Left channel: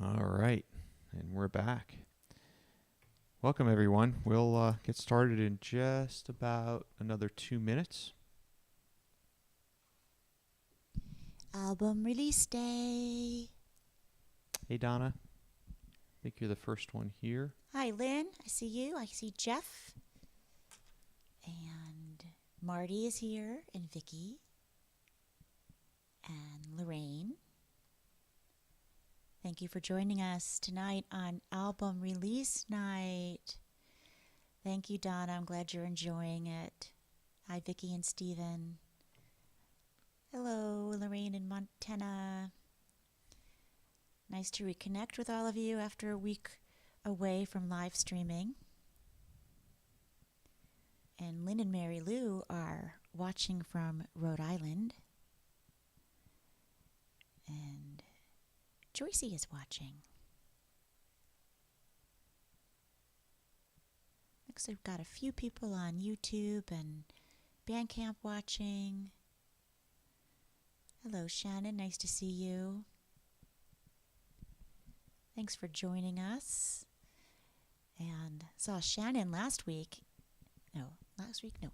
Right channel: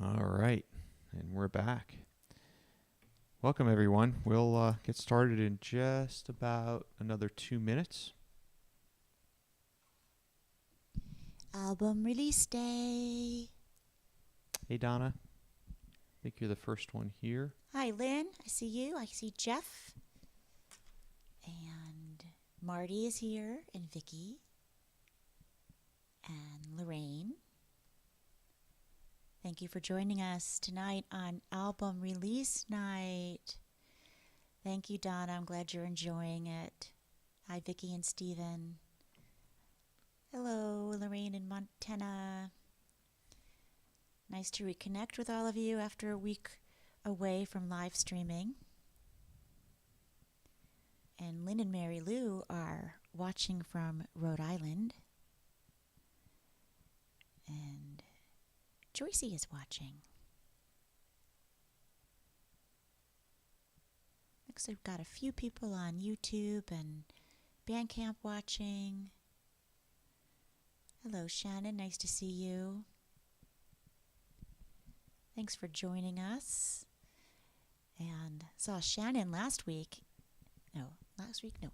All right, and we're back. Welcome, everyone. We'll get started in just about another 2 minutes. Album release day. Hey, Donna. I think you're the first one here. Hi, Lynn. I see you. I see Jeff. And Marty is here, and Vicky. And Lorraine. Thank you for joining us tonight on album release night. Thank you, Donna. I'm glad you're enjoying it. Hi, Vicky and Steven. Hello, Lorraine in Montana. Nice to reconnect with all of you after a week away from live streaming. And Lynn and Mary Lou are watching from Rhode Island. And Joycey is watching. Looks like we've got a few people on YouTube and Bandcamp watching. Hello, Shannon. Nice to see you. Thanks for joining us. And saw Shannon a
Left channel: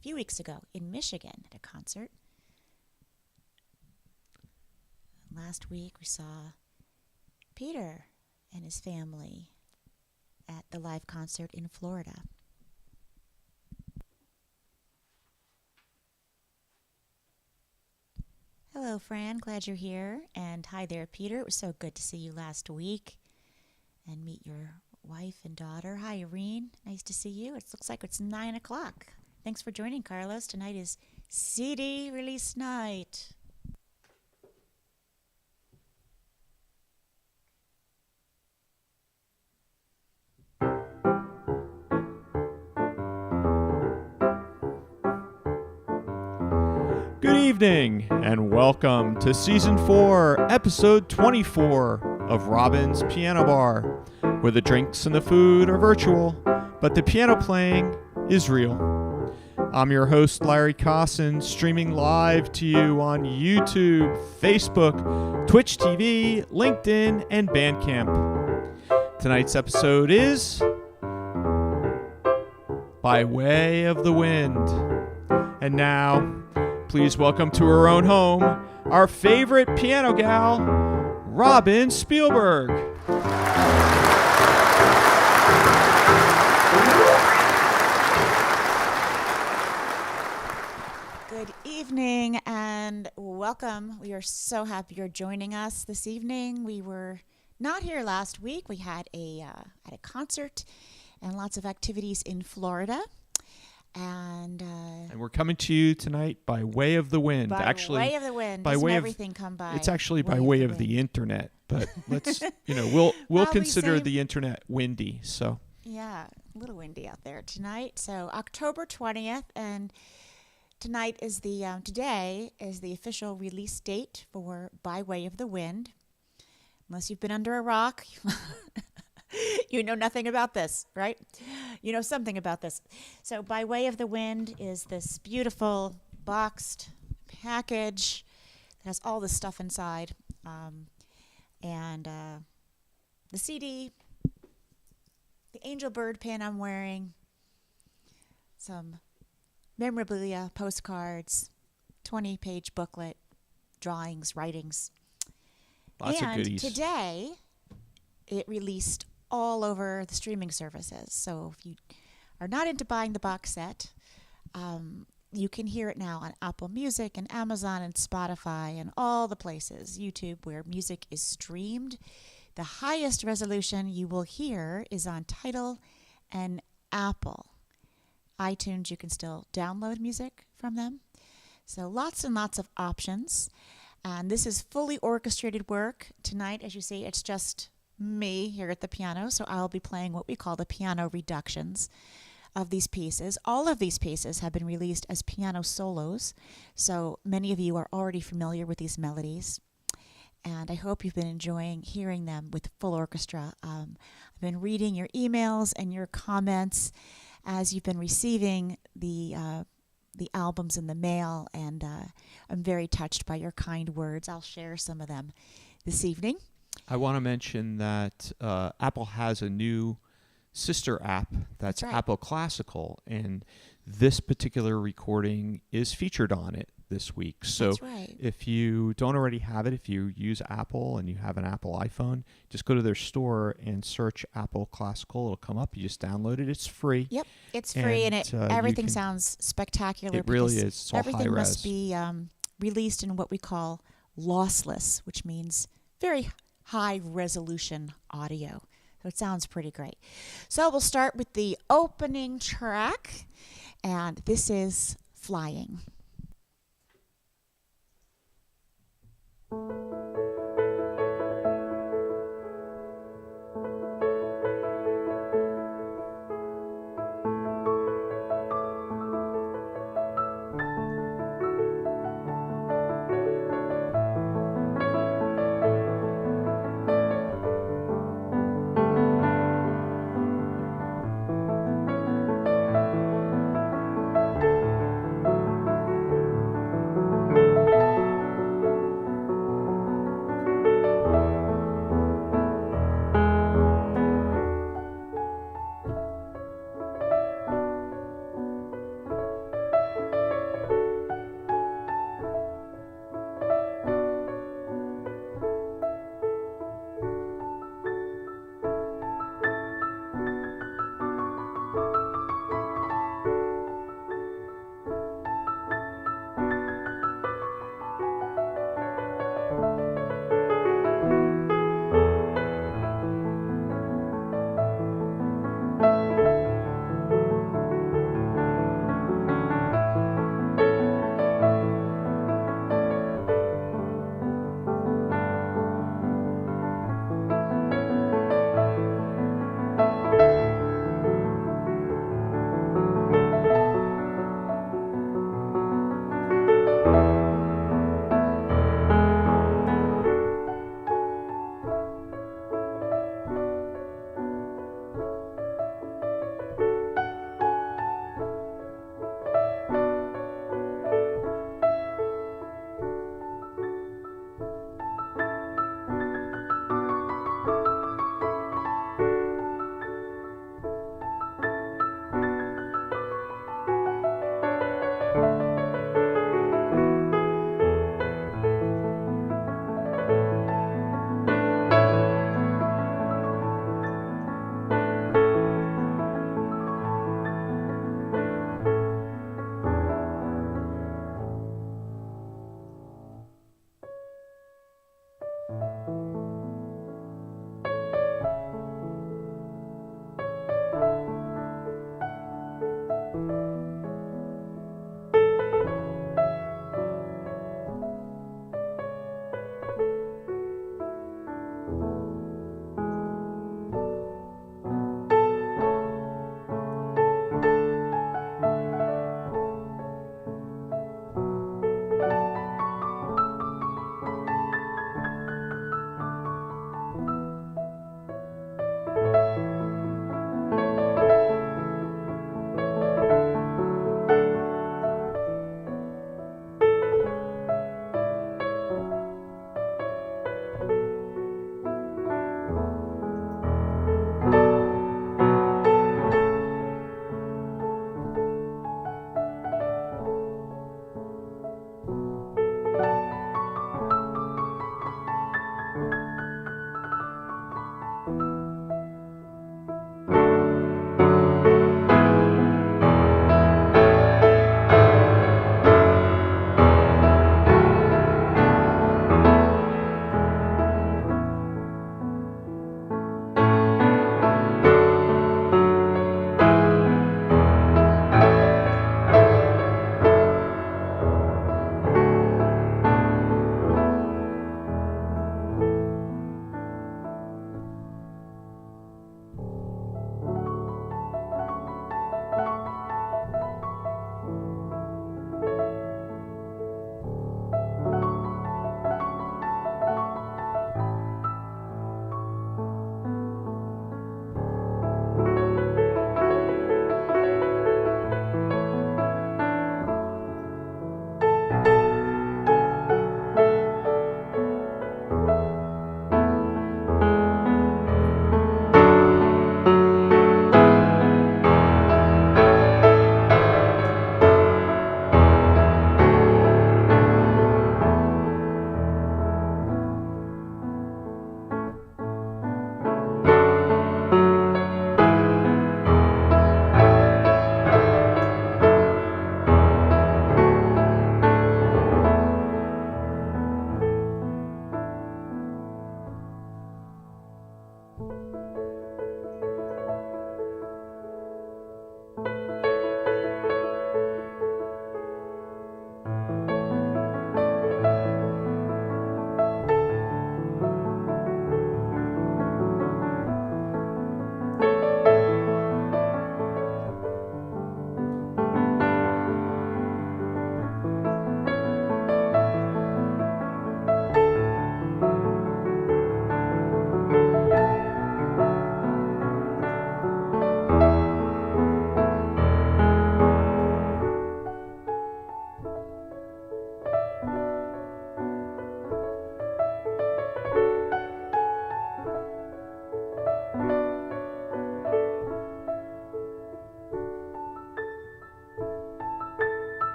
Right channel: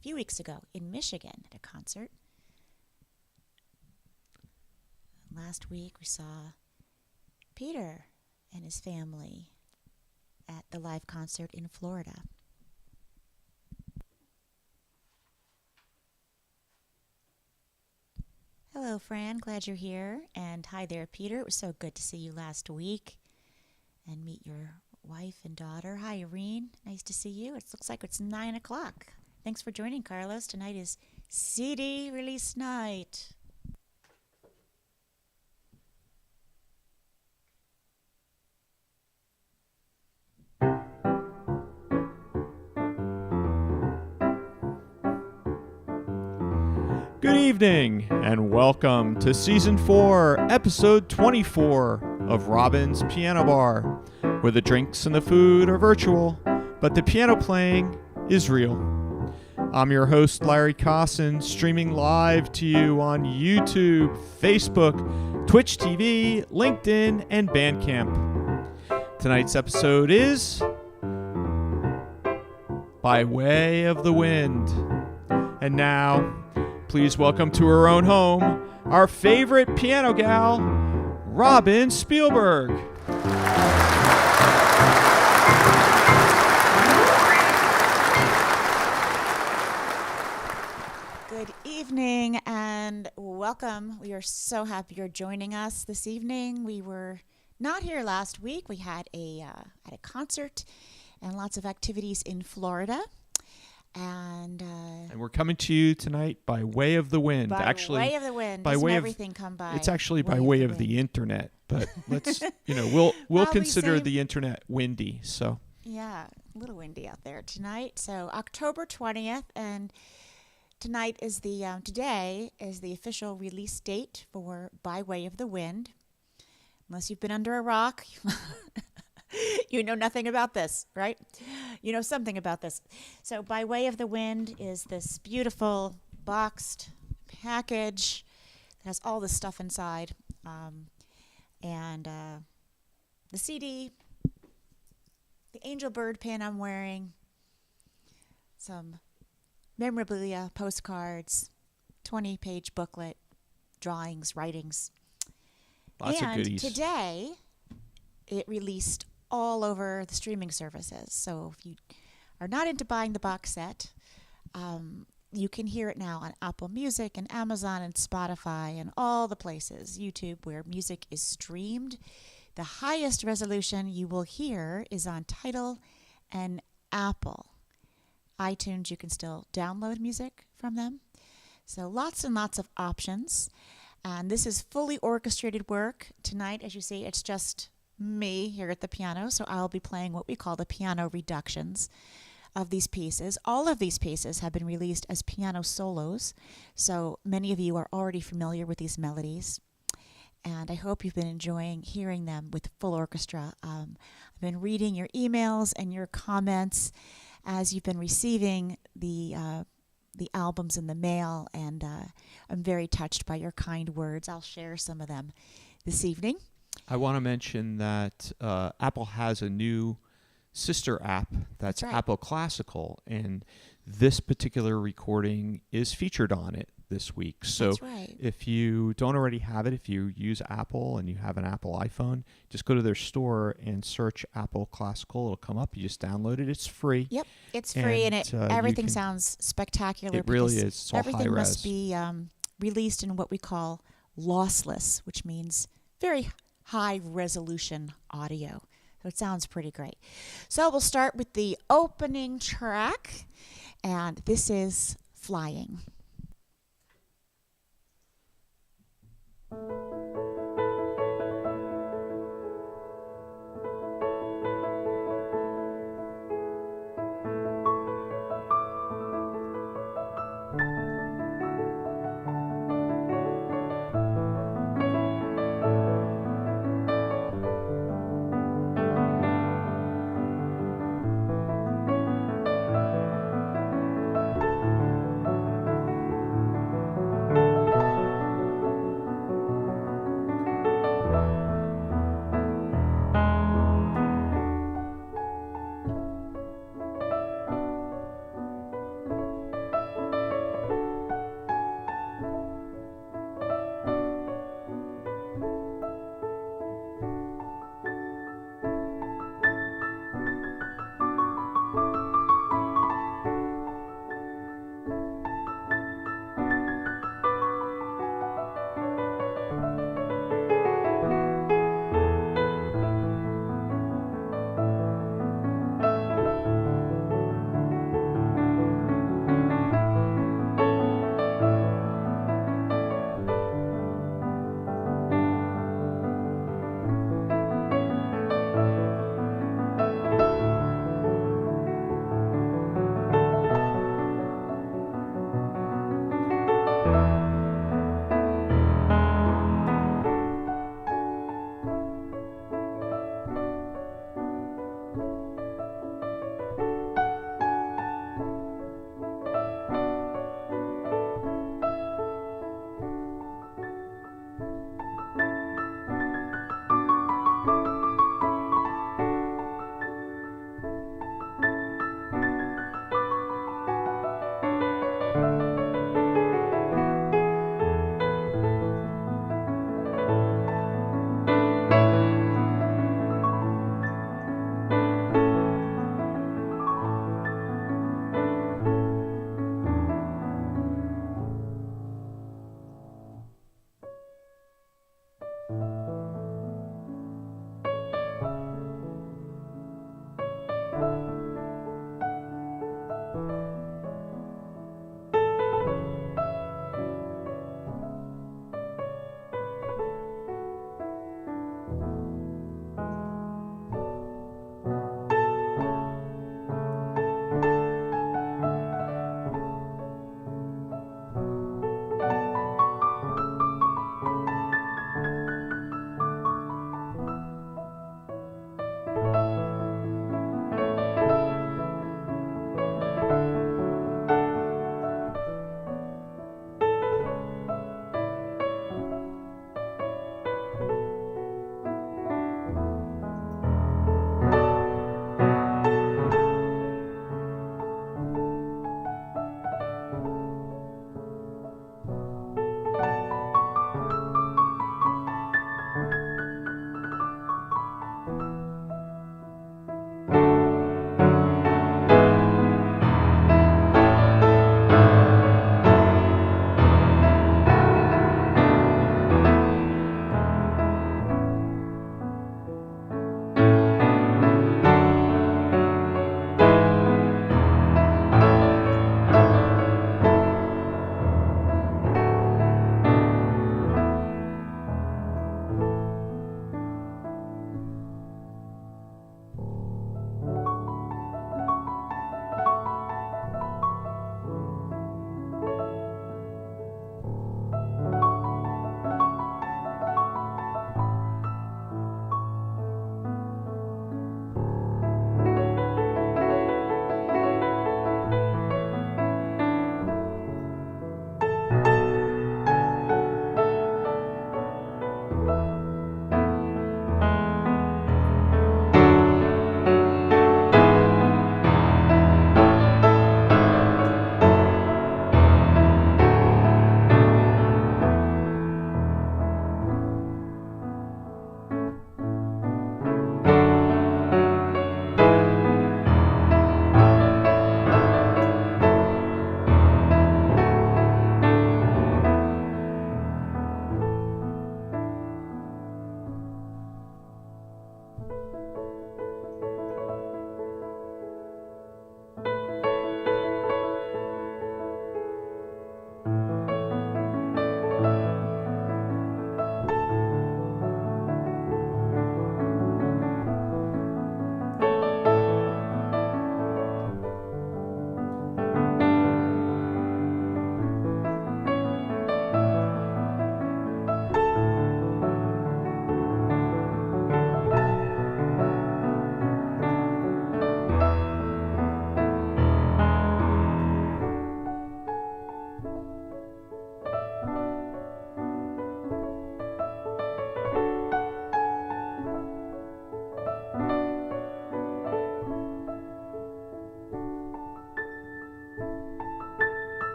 few weeks ago in Michigan at a concert. Last week we saw Peter and his family at the live concert in Florida. Hello, Fran. Glad you're here. And hi there, Peter. It was so good to see you last week and meet your wife and daughter. Hi, Irene. Nice to see you. It looks like it's 9 o'clock. Thanks for joining, Carlos. Tonight is CD release night. Good evening, and welcome to Season 4, Episode 24 of Robin's Piano Bar, where the drinks and the food are virtual, but the piano playing is real. I'm your host, Larry Kosson, streaming live to you on YouTube, Facebook, Twitch TV, LinkedIn, and Bandcamp. Tonight's episode is By Way of the Wind. And now, please welcome to her own home, our favorite piano gal, Robin Spielberg. Good evening and welcome. We are so happy you're joining us this evening. We were not here last week. We had a concert and lots of activities in Florida. And we're coming to you tonight by way of the wind. By actually, way of the wind. By Doesn't way everything come by? It's actually by way of the internet. But let's, we'll consider the internet windy. So yeah, a little windy out there tonight. So October 20th, and today is the official release date for By Way of the Wind. Unless you've been under a rock. You know nothing about this, right? You know something about this. So By Way of the Wind is this beautiful boxed package that has all this stuff inside. And the CD, the angel bird pin I'm wearing, some memorabilia, postcards, 20-page booklet, drawings, writings. Lots of goodies. And today, it released all over the streaming services. So if you are not into buying the box set, you can hear it now on Apple Music and Amazon and Spotify and all the places, YouTube, where music is streamed. The highest resolution you will hear is on Tidal and Apple. iTunes, you can still download music from them. So lots and lots of options. And this is fully orchestrated work. Tonight, as you see, it's just me here at the piano, so I'll be playing what we call the piano reductions of these pieces. All of these pieces have been released as piano solos, so many of you are already familiar with these melodies, and I hope you've been enjoying hearing them with full orchestra. I've been reading your emails and your comments as you've been receiving the albums in the mail, and I'm very touched by your kind words. I'll share some of them this evening. I want to mention that Apple has a new sister app that's right. Apple Classical, and this particular recording is featured on it this week. So That's right. if you don't already have it, if you use Apple and you have an Apple iPhone, just go to their store and search Apple Classical. It'll come up. You just download it. It's free. Yep, it's free, and everything sounds spectacular. It really because is. It's all everything high must res. be released in what we call lossless, which means very high resolution audio. So it sounds pretty great. So we'll start with the opening track, and this is Flying.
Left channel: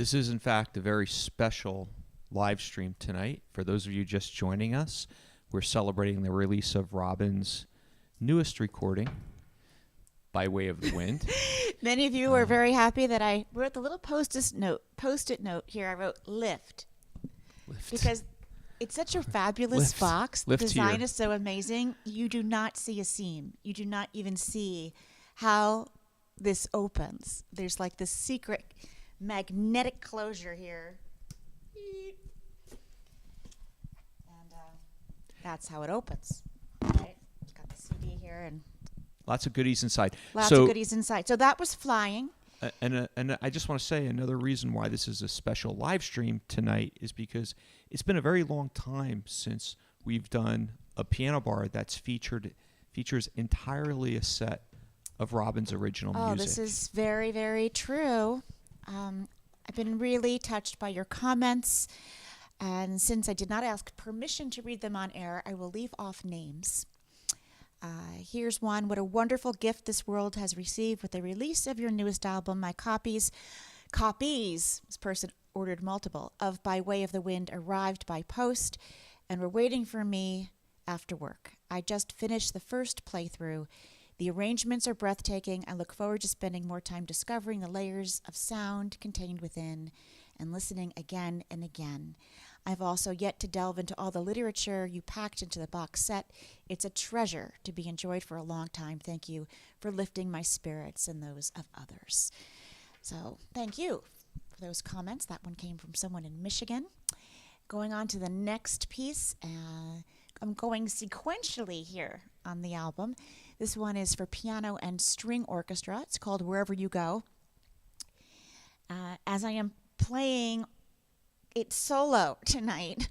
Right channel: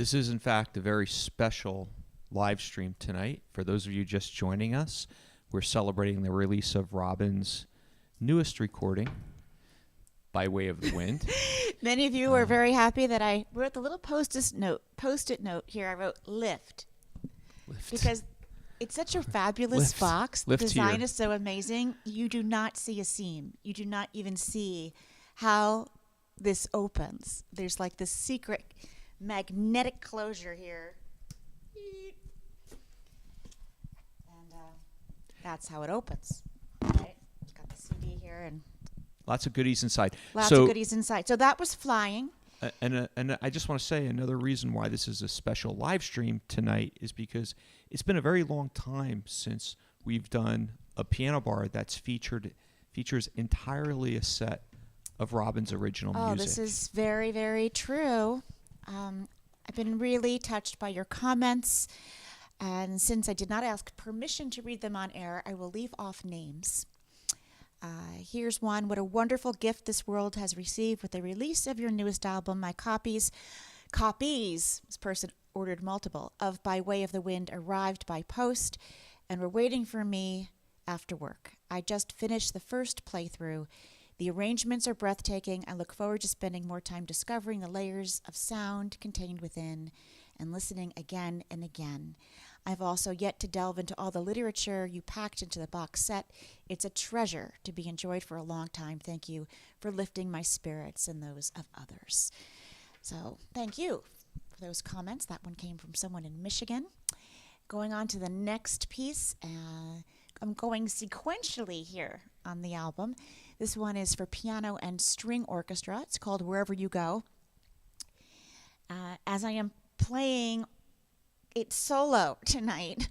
This is, in fact, a very special live stream tonight. For those of you just joining us, we're celebrating the release of Robin's newest recording, By Way of the Wind. Many of you are very happy that I wrote the little post-it note here. I wrote lift. Because it's such a fabulous box. The design here. is so amazing. You do not see a seam. You do not even see how this opens. There's like this secret magnetic closure here. And that's how it opens. Right? It's got the CD here and lots of goodies inside. Lots of goodies inside. So that was flying. And I just want to say another reason why this is a special live stream tonight is because it's been a very long time since we've done a piano bar that's features entirely a set of Robin's original music. Oh, this is very, very true. I've been really touched by your comments. And since I did not ask permission to read them on air, I will leave off names. Here's one. What a wonderful gift this world has received with the release of your newest album. My copies, this person ordered multiple, of By Way of the Wind arrived by post and were waiting for me after work. I just finished the first playthrough. The arrangements are breathtaking. I look forward to spending more time discovering the layers of sound contained within and listening again and again. I've also yet to delve into all the literature you packed into the box set. It's a treasure to be enjoyed for a long time. Thank you for lifting my spirits and those of others. So thank you for those comments. That one came from someone in Michigan. Going on to the next piece. I'm going sequentially here on the album. This one is for piano and string orchestra. It's called Wherever You Go. As I am playing it solo tonight,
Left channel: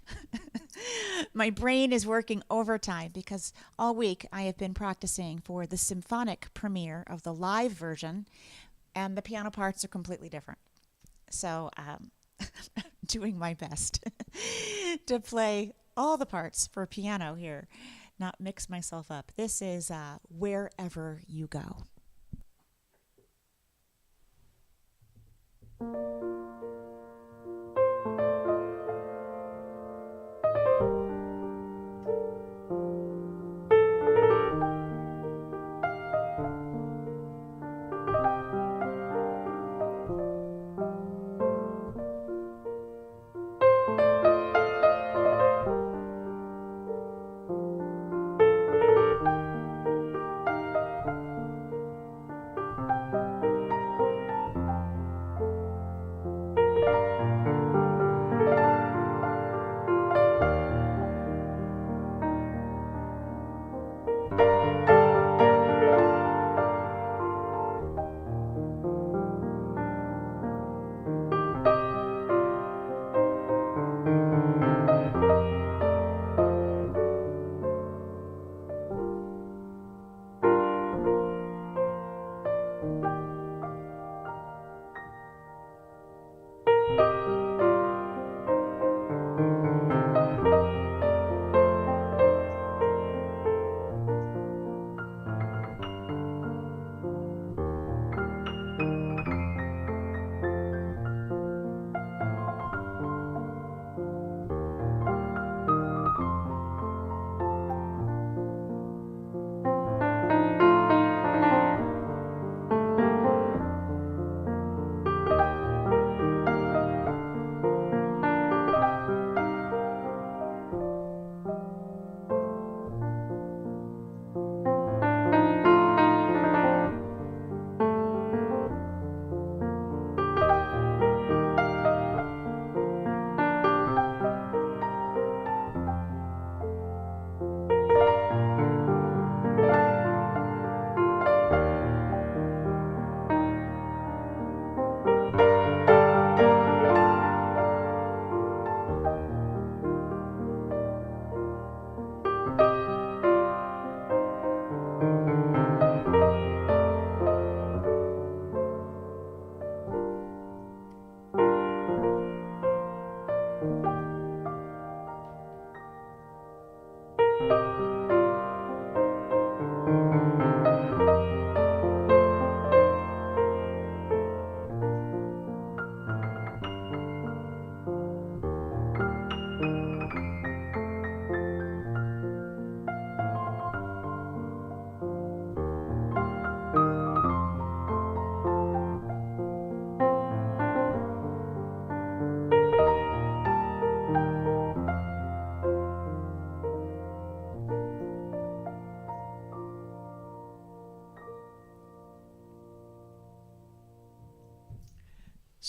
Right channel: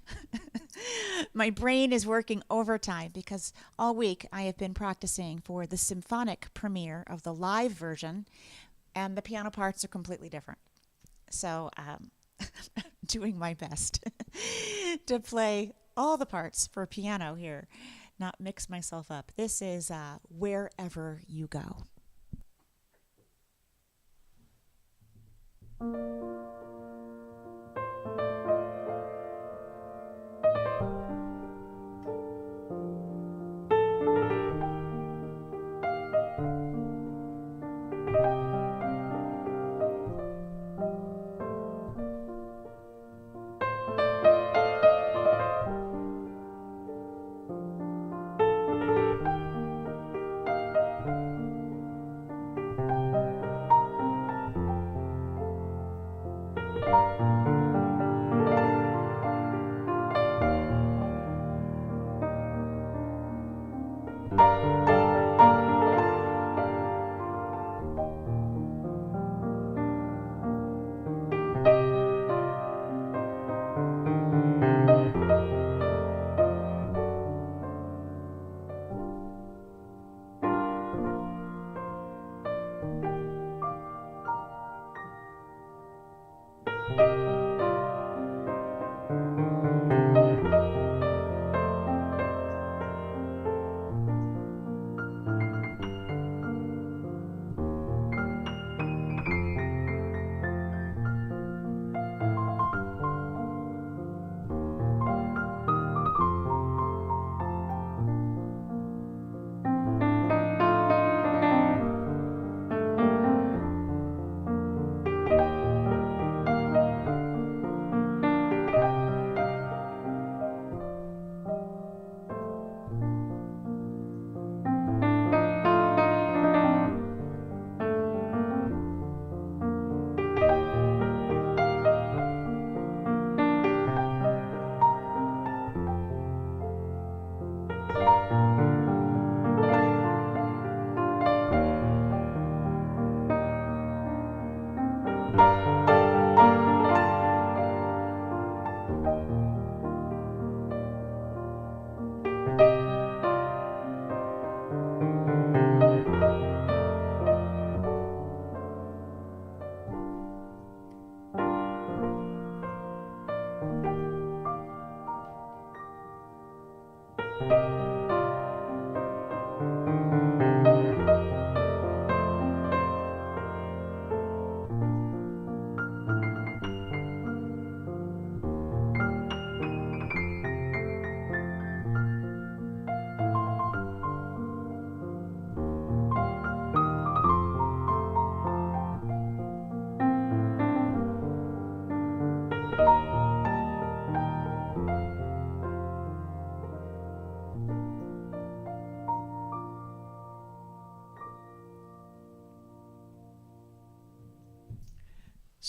my brain is working overtime because all week I have been practicing for the symphonic premiere of the live version, and the piano parts are completely different. So doing my best to play all the parts for piano here, not mix myself up. This is Wherever You Go.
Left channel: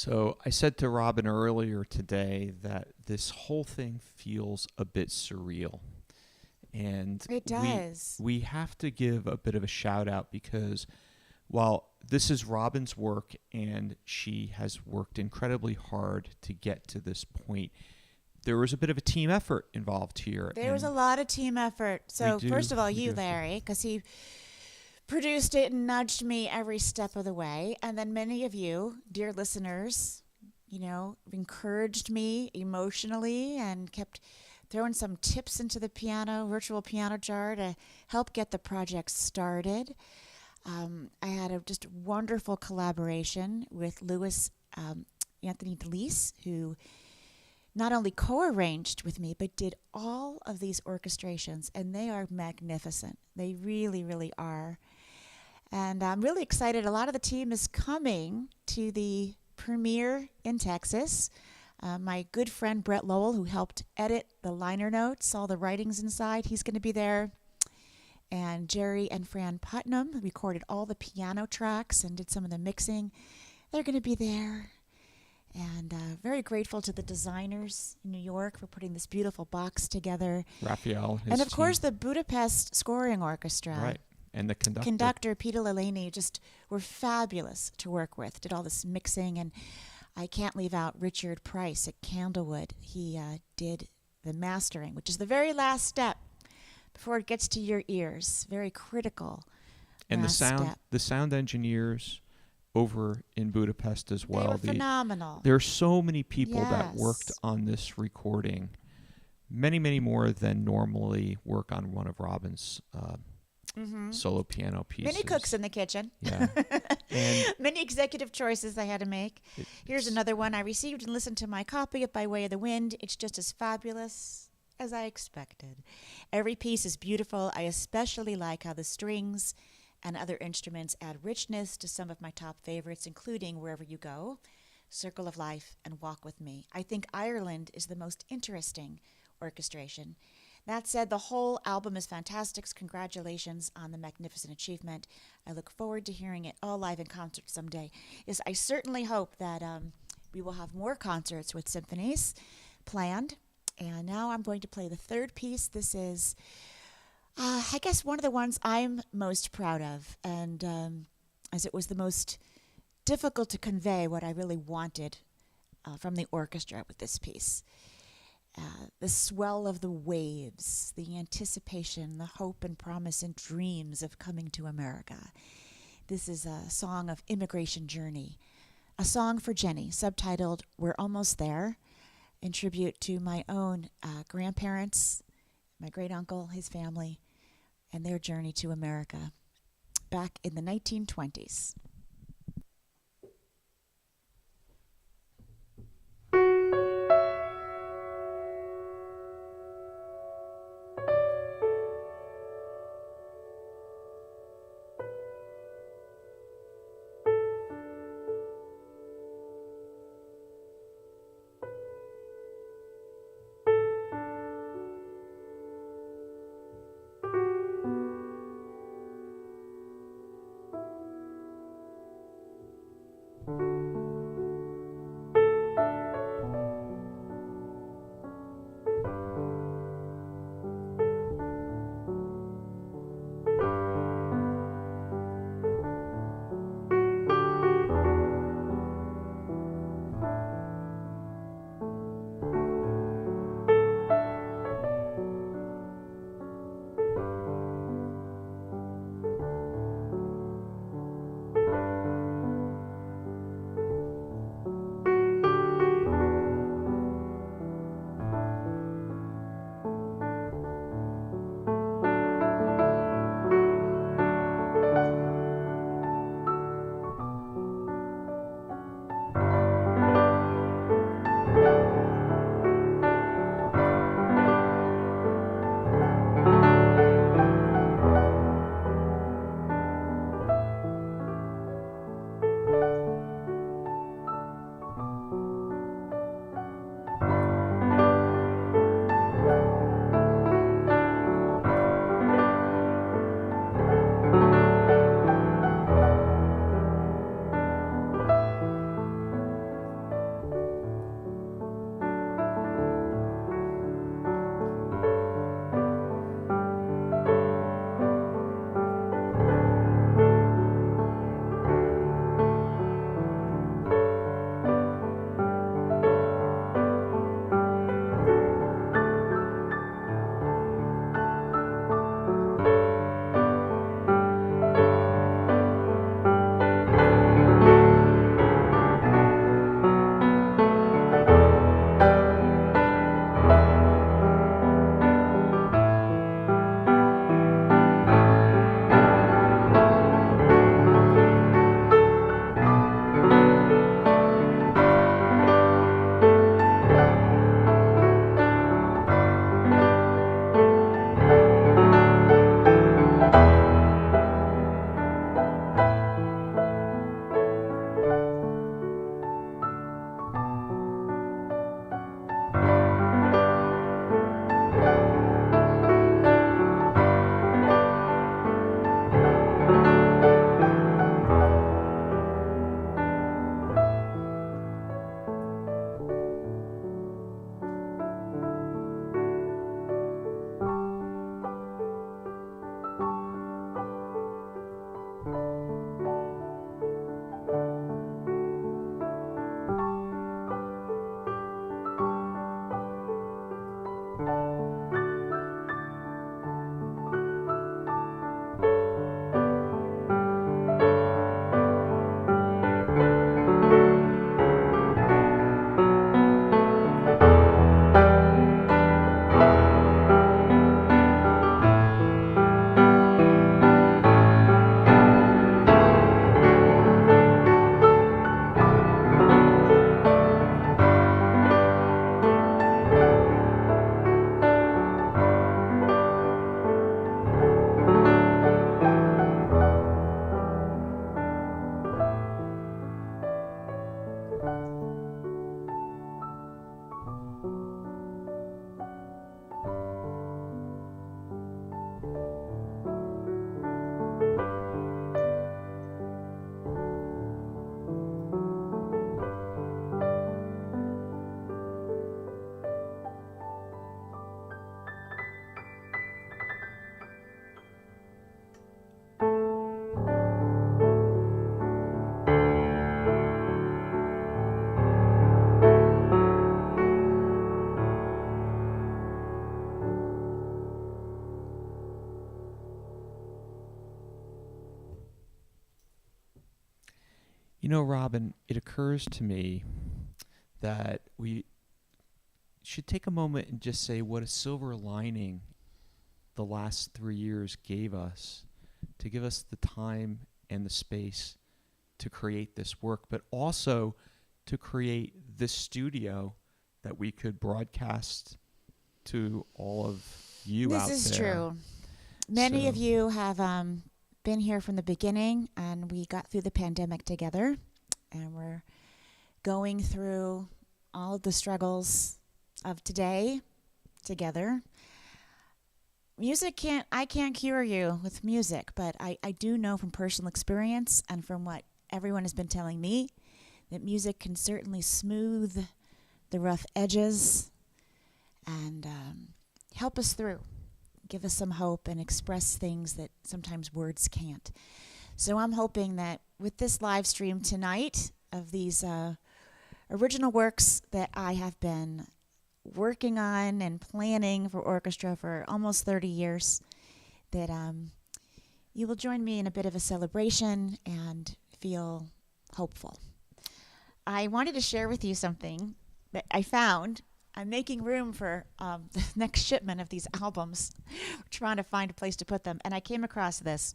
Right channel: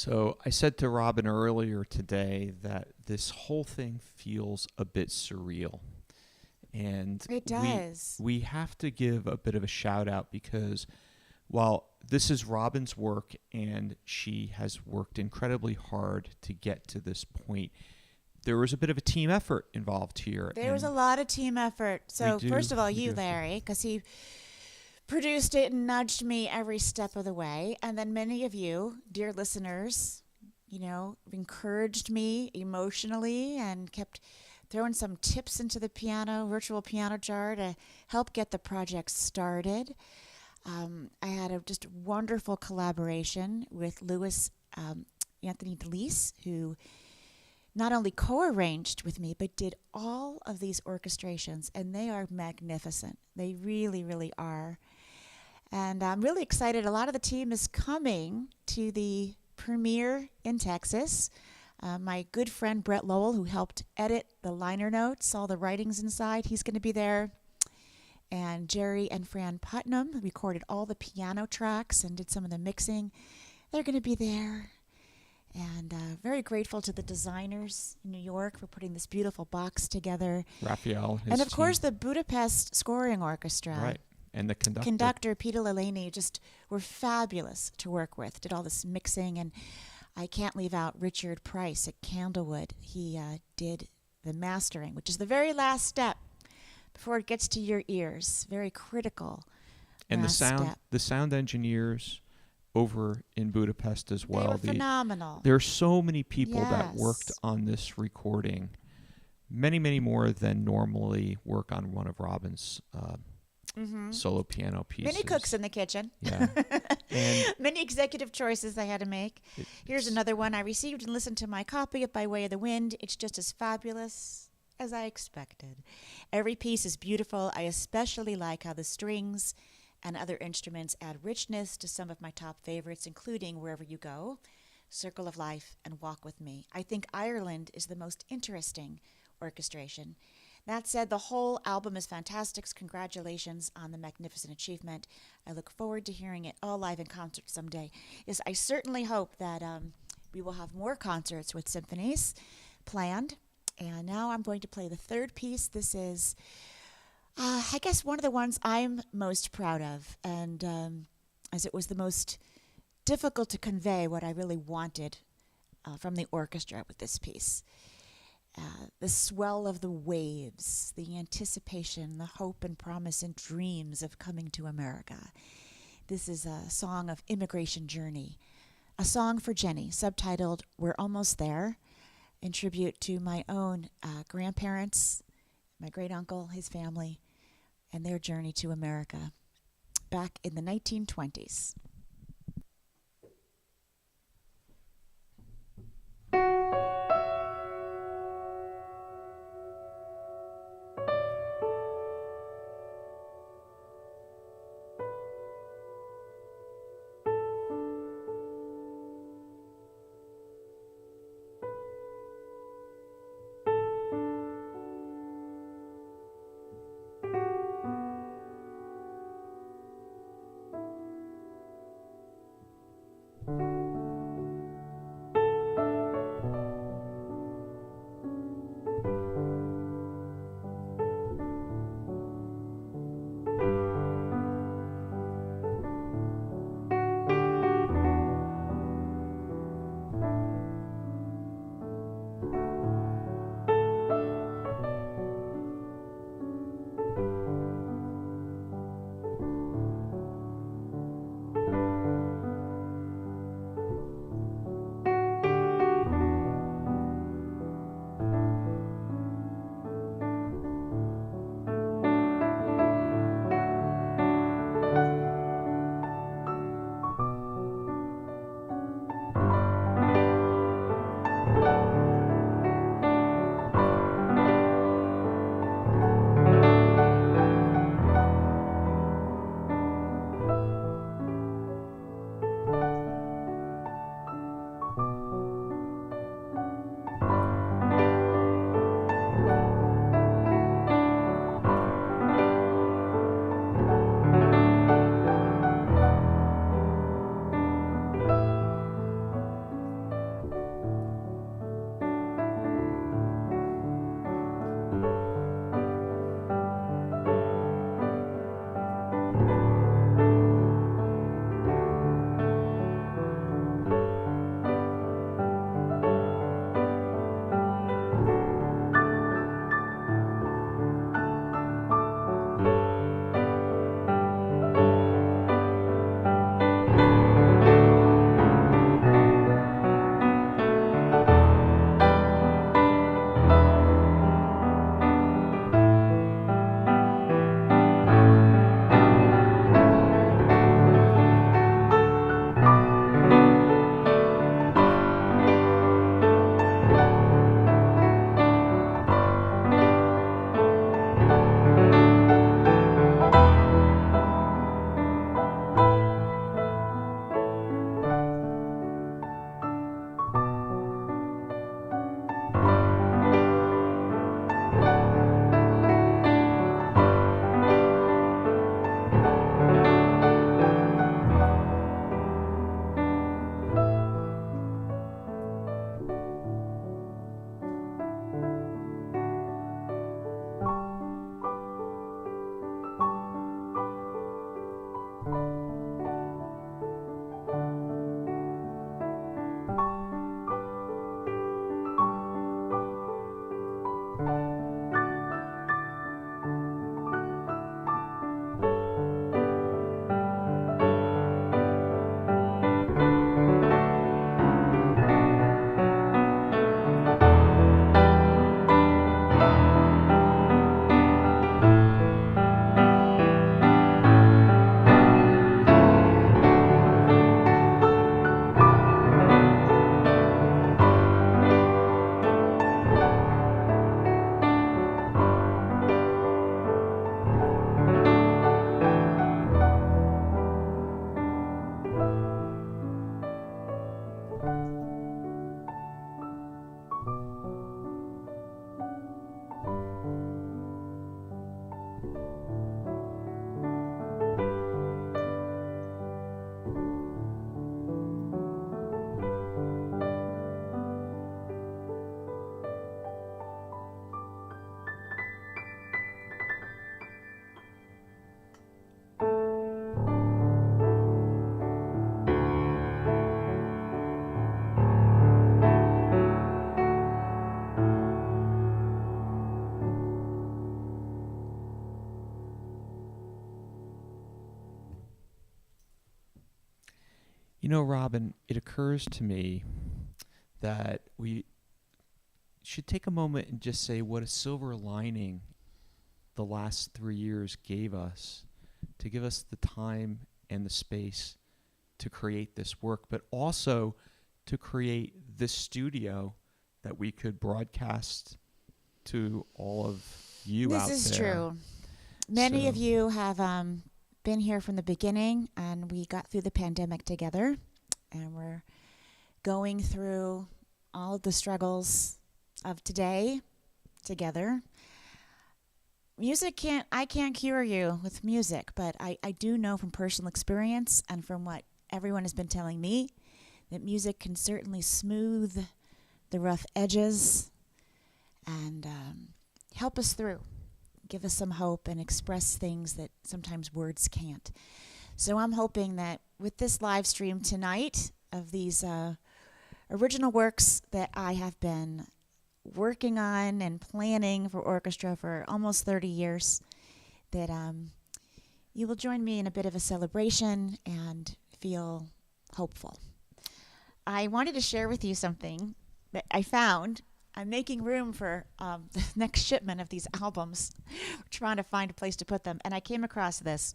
So I said to Robin earlier today that this whole thing feels a bit surreal. And It does. we have to give a bit of a shout out because while this is Robin's work and she has worked incredibly hard to get to this point, there was a bit of a team effort involved here. There was a lot of team effort. So first of all, you, have to- Larry, because he produced it and nudged me every step of the way. And then many of you, dear listeners, encouraged me emotionally and kept throwing some tips into the virtual piano jar to help get the project started. I had a just wonderful collaboration with Anthony DeLise, who not only co-arranged with me, but did all of these orchestrations, and they are magnificent. They really, really are. And I'm really excited. A lot of the team is coming to the premiere in Texas. My good friend Brett Lowell, who helped edit the liner notes, all the writings inside, he's going to be there. And Jerry and Fran Putnam recorded all the piano tracks and did some of the mixing. They're going to be there. And very grateful to the designers in New York for putting this beautiful box together. Raphael, and of course the Budapest Scoring Orchestra. Right. And the Conductor Peter Lelany just were fabulous to work with. Did all this mixing, and I can't leave out Richard Price at Candlewood. He did the mastering, which is the very last step before it gets to your ears. Very critical. And step. the sound engineers over in Budapest as well. They were phenomenal. There are so many people that Yes. worked on this recording. Many, many more than normally work on one of Robin's solo piano pieces. Many cooks in the kitchen. Yeah. And many executive choices I had to make. Here's another one. I received and listened to my copy of By Way of the Wind. It's just as fabulous as I expected. Every piece is beautiful. I especially like how the strings and other instruments add richness to some of my top favorites, including Wherever You Go, Circle of Life, and Walk With Me. I think Ireland is the most interesting orchestration. That said, the whole album is fantastic. Congratulations on the magnificent achievement. I look forward to hearing it all live in concert someday. Yes, I certainly hope that we will have more concerts with symphonies planned. And now I'm going to play the third piece. This is, I guess, one of the ones I'm most proud of, and as it was the most difficult to convey what I really wanted from the orchestra with this piece. The swell of the waves, the anticipation, the hope and promise and dreams of coming to America. This is a song of immigration journey, a song for Jenny, subtitled We're Almost There, in tribute to my own grandparents, my great uncle, his family, and their journey to America back in the 1920s. Robin, it occurs to me that we should take a moment and just say what a silver lining the last 3 years gave us, to give us the time and the space to create this work, but also to create this studio that we could broadcast to all of you out there. This is true. Many of you have been here from the beginning, and we got through the pandemic together, and we're going through all of the struggles of today together. I can't cure you with music, but I do know from personal experience and from what everyone has been telling me that music can certainly smooth the rough edges and help us through, give us some hope and express things that sometimes words can't. So I'm hoping that with this live stream tonight of these original works that I have been working on and planning for orchestra for almost 30 years, that you will join me in a bit of a celebration and feel hopeful. I wanted to share with you something that I found. I'm making room for the next shipment of these albums. We're trying to find a place to put them. And I came across this.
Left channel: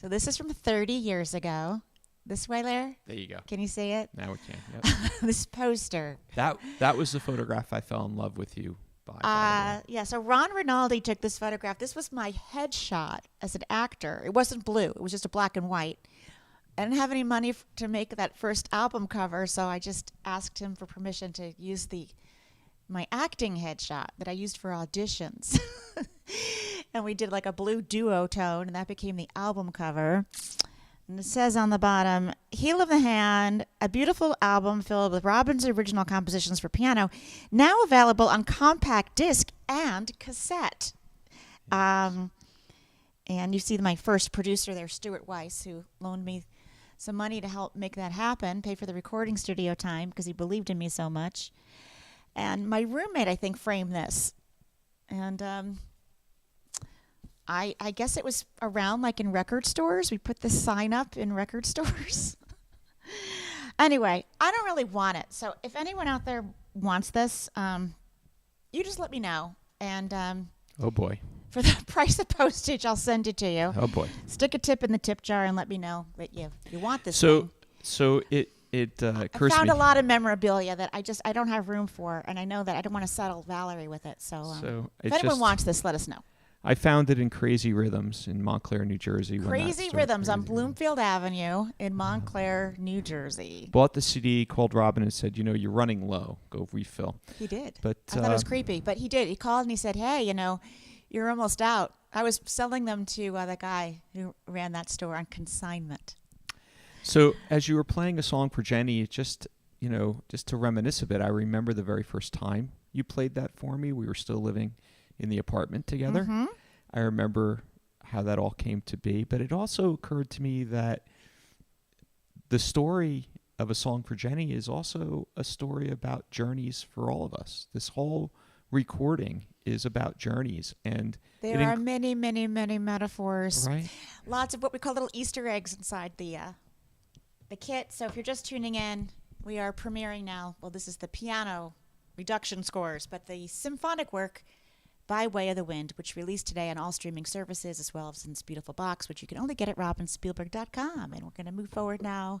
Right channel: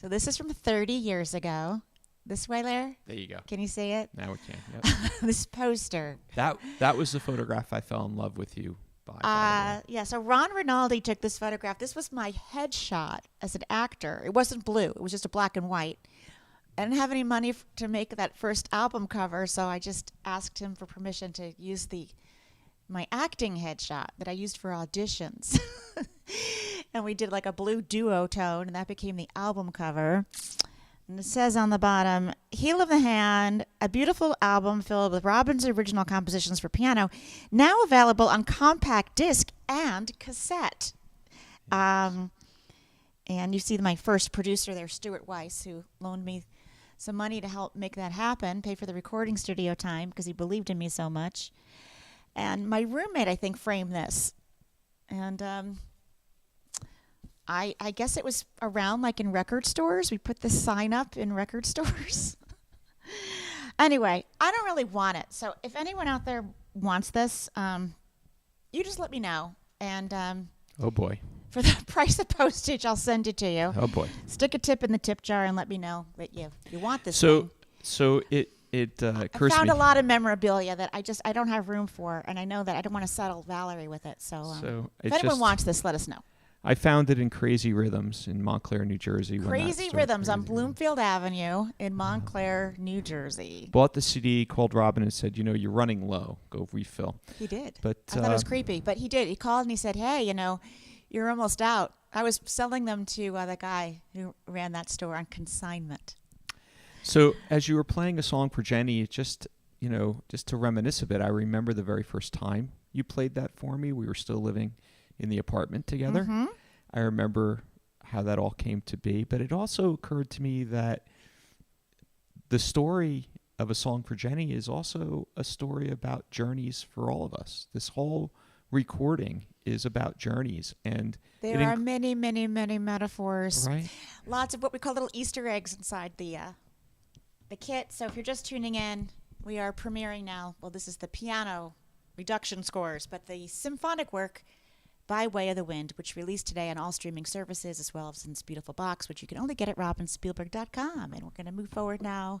So this is from 30 years ago. This way there? There you go. Can you see it? Now we can. Yep. This poster. That was the photograph I fell in love with you by Yeah, so Ron Rinaldi took this photograph. This was my headshot as an actor. It wasn't blue. It was just a black and white. I didn't have any money to make that first album cover, so I just asked him for permission to use my acting headshot that I used for auditions. And we did like a blue duotone, and that became the album cover. And it says on the bottom, Heel of the Hand, a beautiful album filled with Robin's original compositions for piano, now available on compact disc and cassette. And you see my first producer there, Stuart Weiss, who loaned me some money to help make that happen, pay for the recording studio time because he believed in me so much. And my roommate, I think, framed this. And I guess it was around like in record stores. We put this sign up in record stores. Anyway, I don't really want it. So if anyone out there wants this, you just let me know. And Oh boy. for the price of postage, I'll send it to you. Oh boy. Stick a tip in the tip jar and let me know that you want this thing. So it I occurs to found me. a lot of memorabilia that I don't have room for, and I know that I don't want to saddle Valerie with it. So if anyone wants this, let us know. I found it in Crazy Rhythms in Montclair, New Jersey. Crazy Rhythms on Bloomfield Avenue in Montclair, New Jersey. Bought the CD, called Robin and said, you're running low. Go refill. He did. But I thought it was creepy, but he did. He called and he said, hey, you're almost out. I was selling them to the guy who ran that store on consignment. So as you were playing a song for Jenny, it just to reminisce a bit, I remember the very first time you played that for me. We were still living in the apartment together. Mm-hmm. I remember how that all came to be, but it also occurred to me that the story of A Song for Jenny is also a story about journeys for all of us. This whole recording is about journeys, and there are many, many, many metaphors. Right. Lots of what we call little Easter eggs inside the kit. So if you're just tuning in, we are premiering now. Well, this is the piano reduction scores, but the symphonic work By Way of the Wind, which released today on all streaming services, as well as in this beautiful box, which you can only get at robinspielberg.com. And we're going to move forward now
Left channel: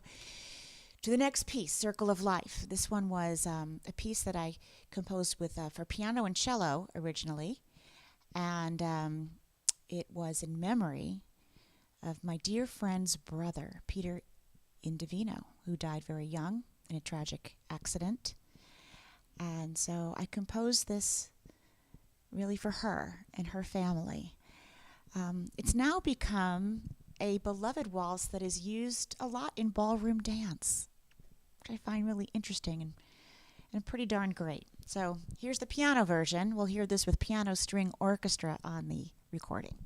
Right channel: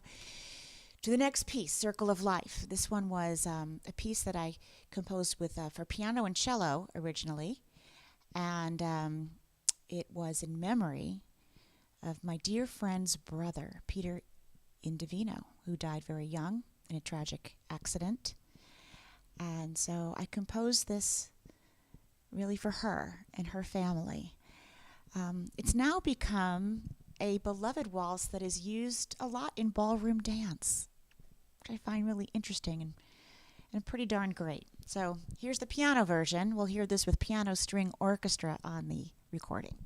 to the next piece, Circle of Life. This one was a piece that I composed with for piano and cello originally, and it was in memory of my dear friend's brother, Peter Indovino, who died very young in a tragic accident. And so I composed this really for her and her family. It's now become a beloved waltz that is used a lot in ballroom dance, which I find really interesting and pretty darn great. So here's the piano version. We'll hear this with piano string orchestra on the recording.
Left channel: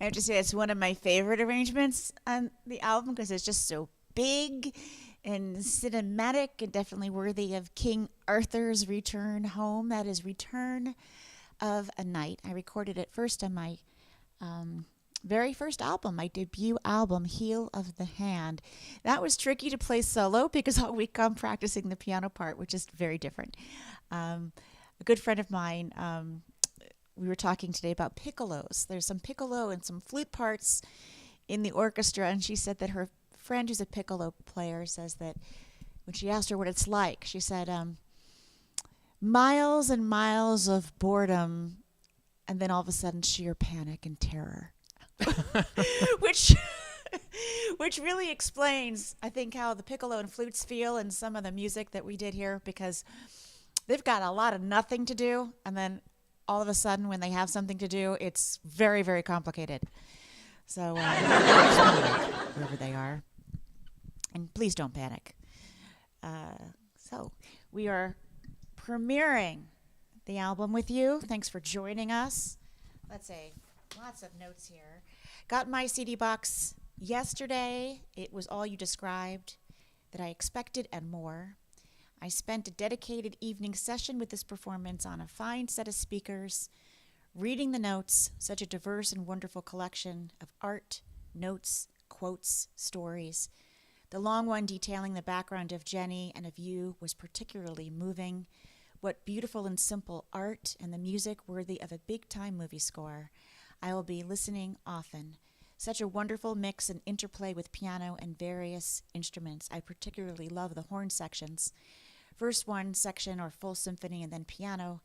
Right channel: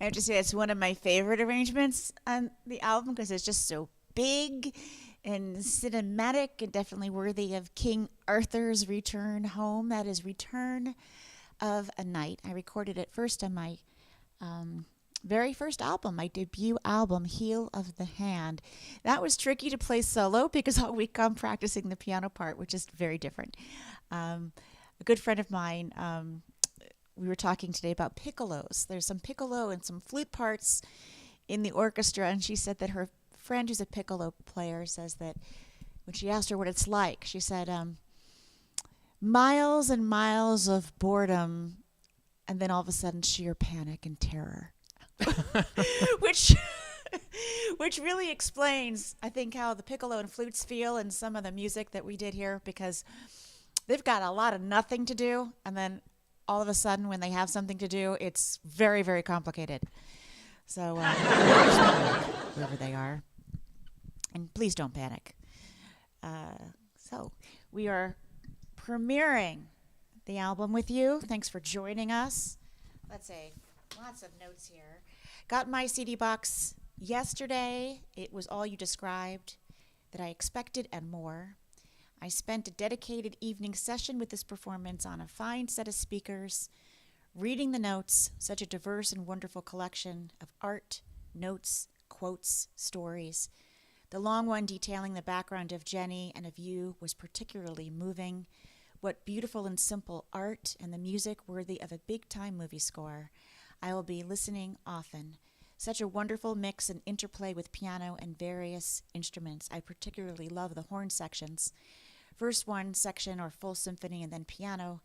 I have to say it's one of my favorite arrangements on the album because it's just so big and cinematic and definitely worthy of King Arthur's return home. That is Return of a Night. I recorded it first on my very first album, my debut album, Heel of the Hand. That was tricky to play solo because all week I'm practicing the piano part, which is very different. A good friend of mine, we were talking today about piccolos. There's some piccolo and some flute parts in the orchestra, and she said that her friend who's a piccolo player says that when she asked her what it's like, she said, miles and miles of boredom, and then all of a sudden sheer panic and terror. which really explains, I think, how the piccolo and flutes feel in some of the music that we did here, because they've got a lot of nothing to do, and then all of a sudden when they have something to do, it's very, very complicated. So wherever they are, and please don't panic. So we are premiering the album with you. Thanks for joining us. Let's see. Lots of notes here. Got my CD box yesterday. It was all you described that I expected and more. I spent a dedicated evening session with this performance on a fine set of speakers, reading the notes, such a diverse and wonderful collection of art, notes, quotes, stories. The long one detailing the background of Jenny and of you was particularly moving. What beautiful and simple art, and the music worthy of a big-time movie score. I will be listening often. Such a wonderful mix and interplay with piano and various instruments. I particularly love the horn sections. First one section or full symphony and then piano.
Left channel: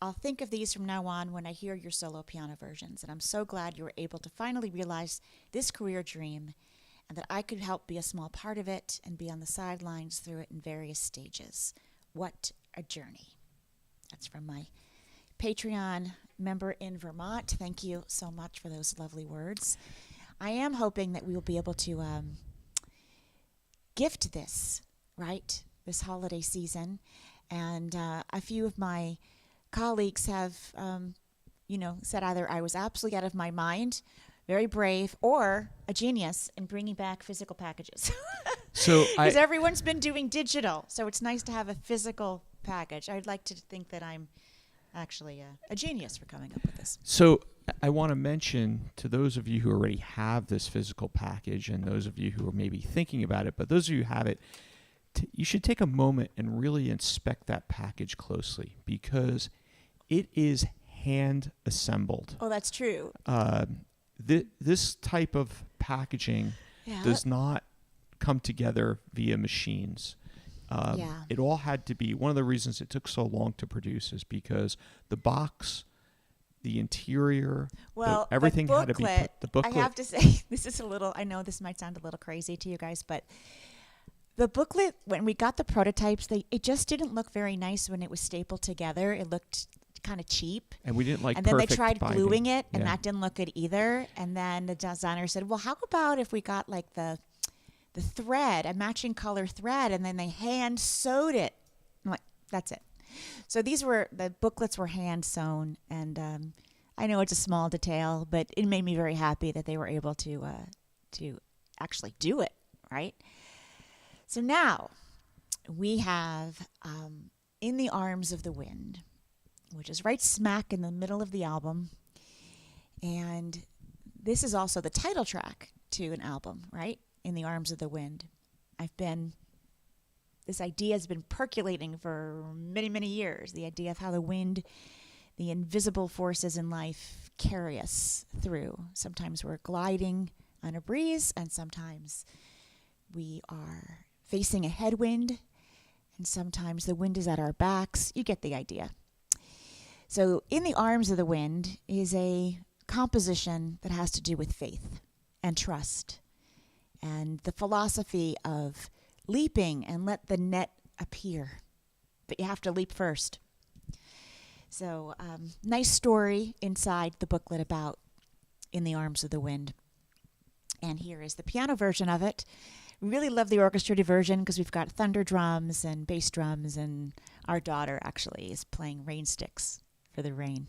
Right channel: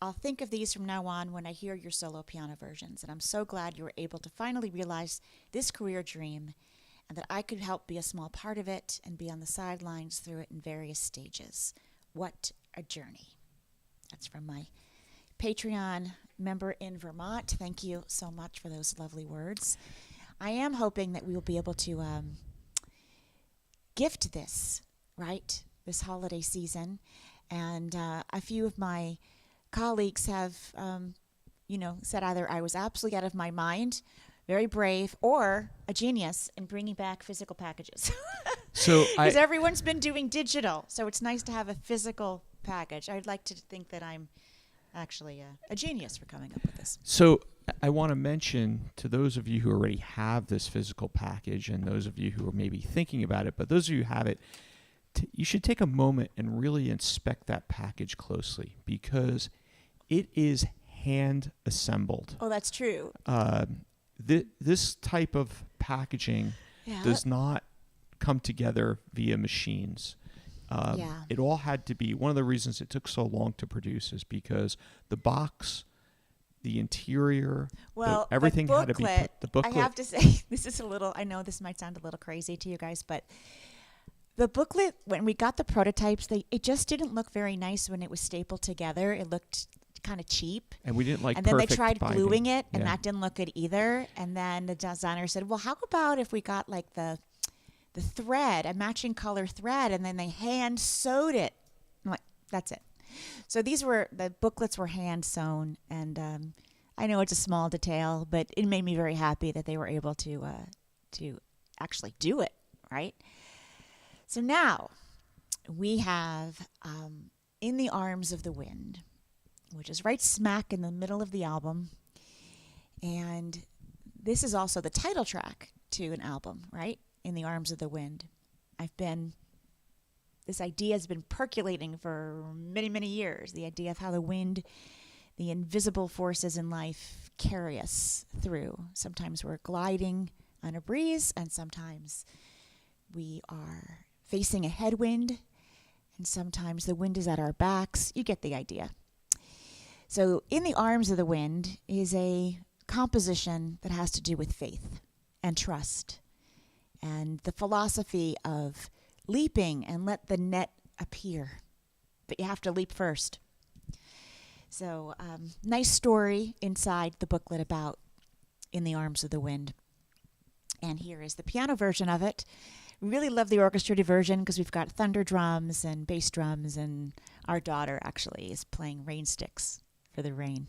I'll think of these from now on when I hear your solo piano versions, and I'm so glad you were able to finally realize this career dream and that I could help be a small part of it and be on the sidelines through it in various stages. What a journey. That's from my Patreon member in Vermont. Thank you so much for those lovely words. I am hoping that we will be able to gift this, right, this holiday season. And a few of my colleagues have, said either I was absolutely out of my mind, very brave, or a genius in bringing back physical packages. So because everyone's been doing digital, so it's nice to have a physical package. I'd like to think that I'm actually a genius for coming up with this. So I want to mention to those of you who already have this physical package and those of you who are maybe thinking about it, but those of you who have it, you should take a moment and really inspect that package closely because it is hand assembled. Oh, that's true. This type of packaging does not come together via machines. It all had to be, one of the reasons it took so long to produce is because the box, the interior, everything had to be put, the booklet. I have to say, this is I know this might sound a little crazy to you guys, but the booklet, when we got the prototypes, it just didn't look very nice when it was stapled together. It looked kind of cheap. And we didn't like And then they tried binding. gluing it, and that didn't look good either. And then the designer said, well, how about if we got like the thread, a matching color thread, and then they hand sewed it. I'm like, that's it. So the booklets were hand sewn, and I know it's a small detail, but it made me very happy that they were able to actually do it, right? So now we have In the Arms of the Wind, which is right smack in the middle of the album. And this is also the title track to an album, right? In the Arms of the Wind. This idea has been percolating for many, many years. The idea of how the wind, the invisible forces in life carry us through. Sometimes we're gliding on a breeze, and sometimes we are facing a headwind, and sometimes the wind is at our backs. You get the idea. So In the Arms of the Wind is a composition that has to do with faith and trust and the philosophy of leaping and let the net appear. But you have to leap first. So nice story inside the booklet about In the Arms of the Wind. And here is the piano version of it. We really love the orchestrated version because we've got thunder drums and bass drums, and our daughter actually is playing rain sticks for the rain.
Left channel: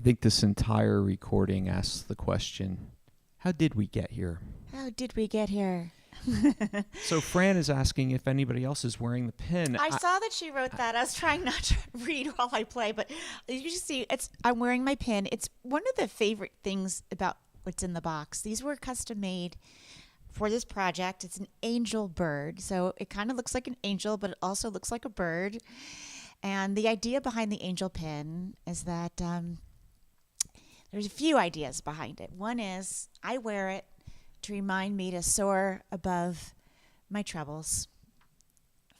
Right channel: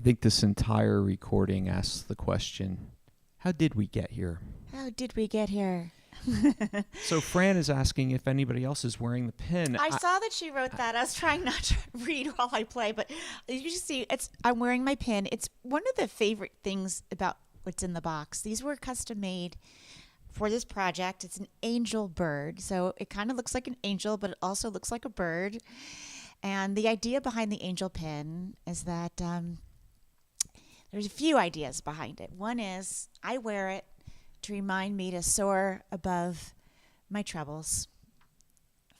I think this entire recording asks the question, how did we get here? How did we get here? So Fran is asking if anybody else is wearing the pin. I saw that she wrote that. I was trying not to read while I play, but you see, I'm wearing my pin. It's one of the favorite things about what's in the box. These were custom made for this project. It's an angel bird, so it kind of looks like an angel, but it also looks like a bird. And the idea behind the angel pin is that there's a few ideas behind it. One is I wear it to remind me to soar above my troubles,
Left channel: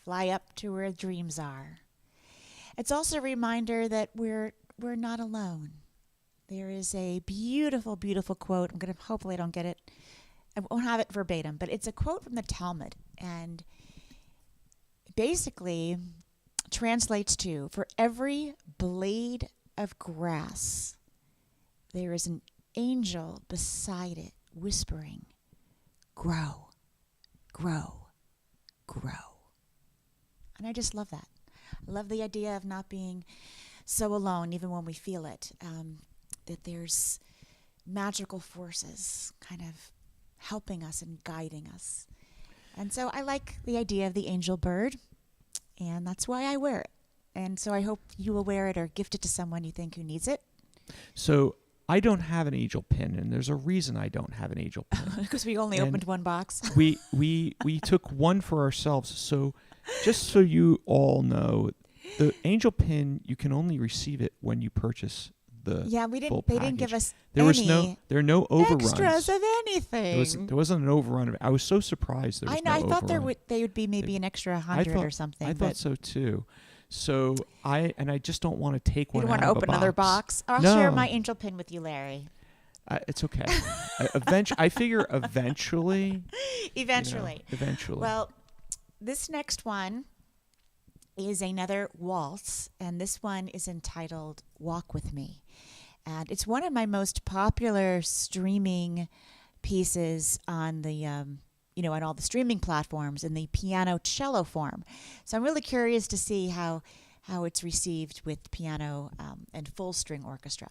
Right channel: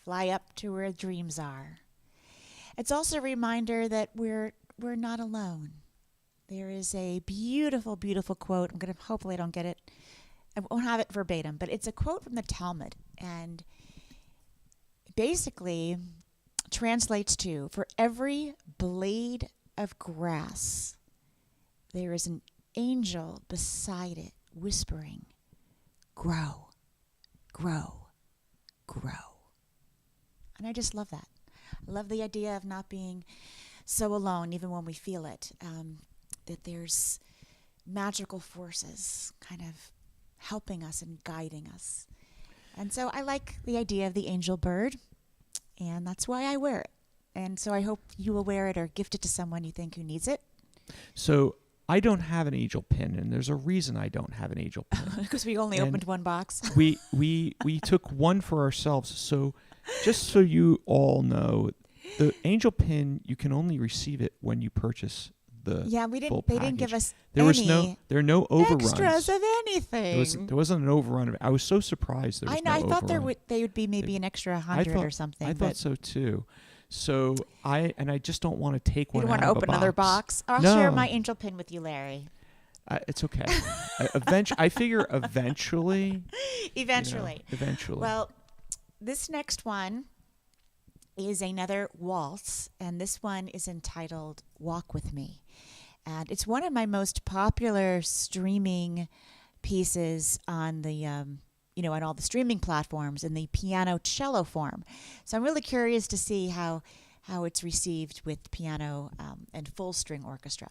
fly up to where dreams are. It's also a reminder that we're not alone. There is a beautiful, beautiful quote. Hopefully I don't get it. I won't have it verbatim, but it's a quote from the Talmud, and basically translates to, for every blade of grass, there is an angel beside it whispering, grow, grow, grow. And I just love that. I love the idea of not being so alone, even when we feel it, that there's magical forces kind of helping us and guiding us. And so I like the idea of the angel bird, and that's why I wear it. And so I hope you will wear it or gift it to someone you think who needs it. So I don't have an angel pin, and there's a reason I don't have an angel pin. Because we only opened one box. we took one for ourselves. So just so you all know, the angel pin, you can only receive it when you purchase the full they package. didn't give us there are no overruns. Extras of anything. There wasn't an overrun. I was so surprised there was no I thought overrun. they would be maybe an extra 100 or something. I thought so too. So I just don't want to take one. You don't want to open another box. I'll share my angel pin with you, Larry. It's okay. I figure eventually. Eventually. Well, this next one is another waltz, and this one is entitled "Walk with Me," and it's one of my most popular streaming pieces on the on all the streaming platforms in the piano cello form. So I'm really curious to see how it's received with piano and full string orchestra.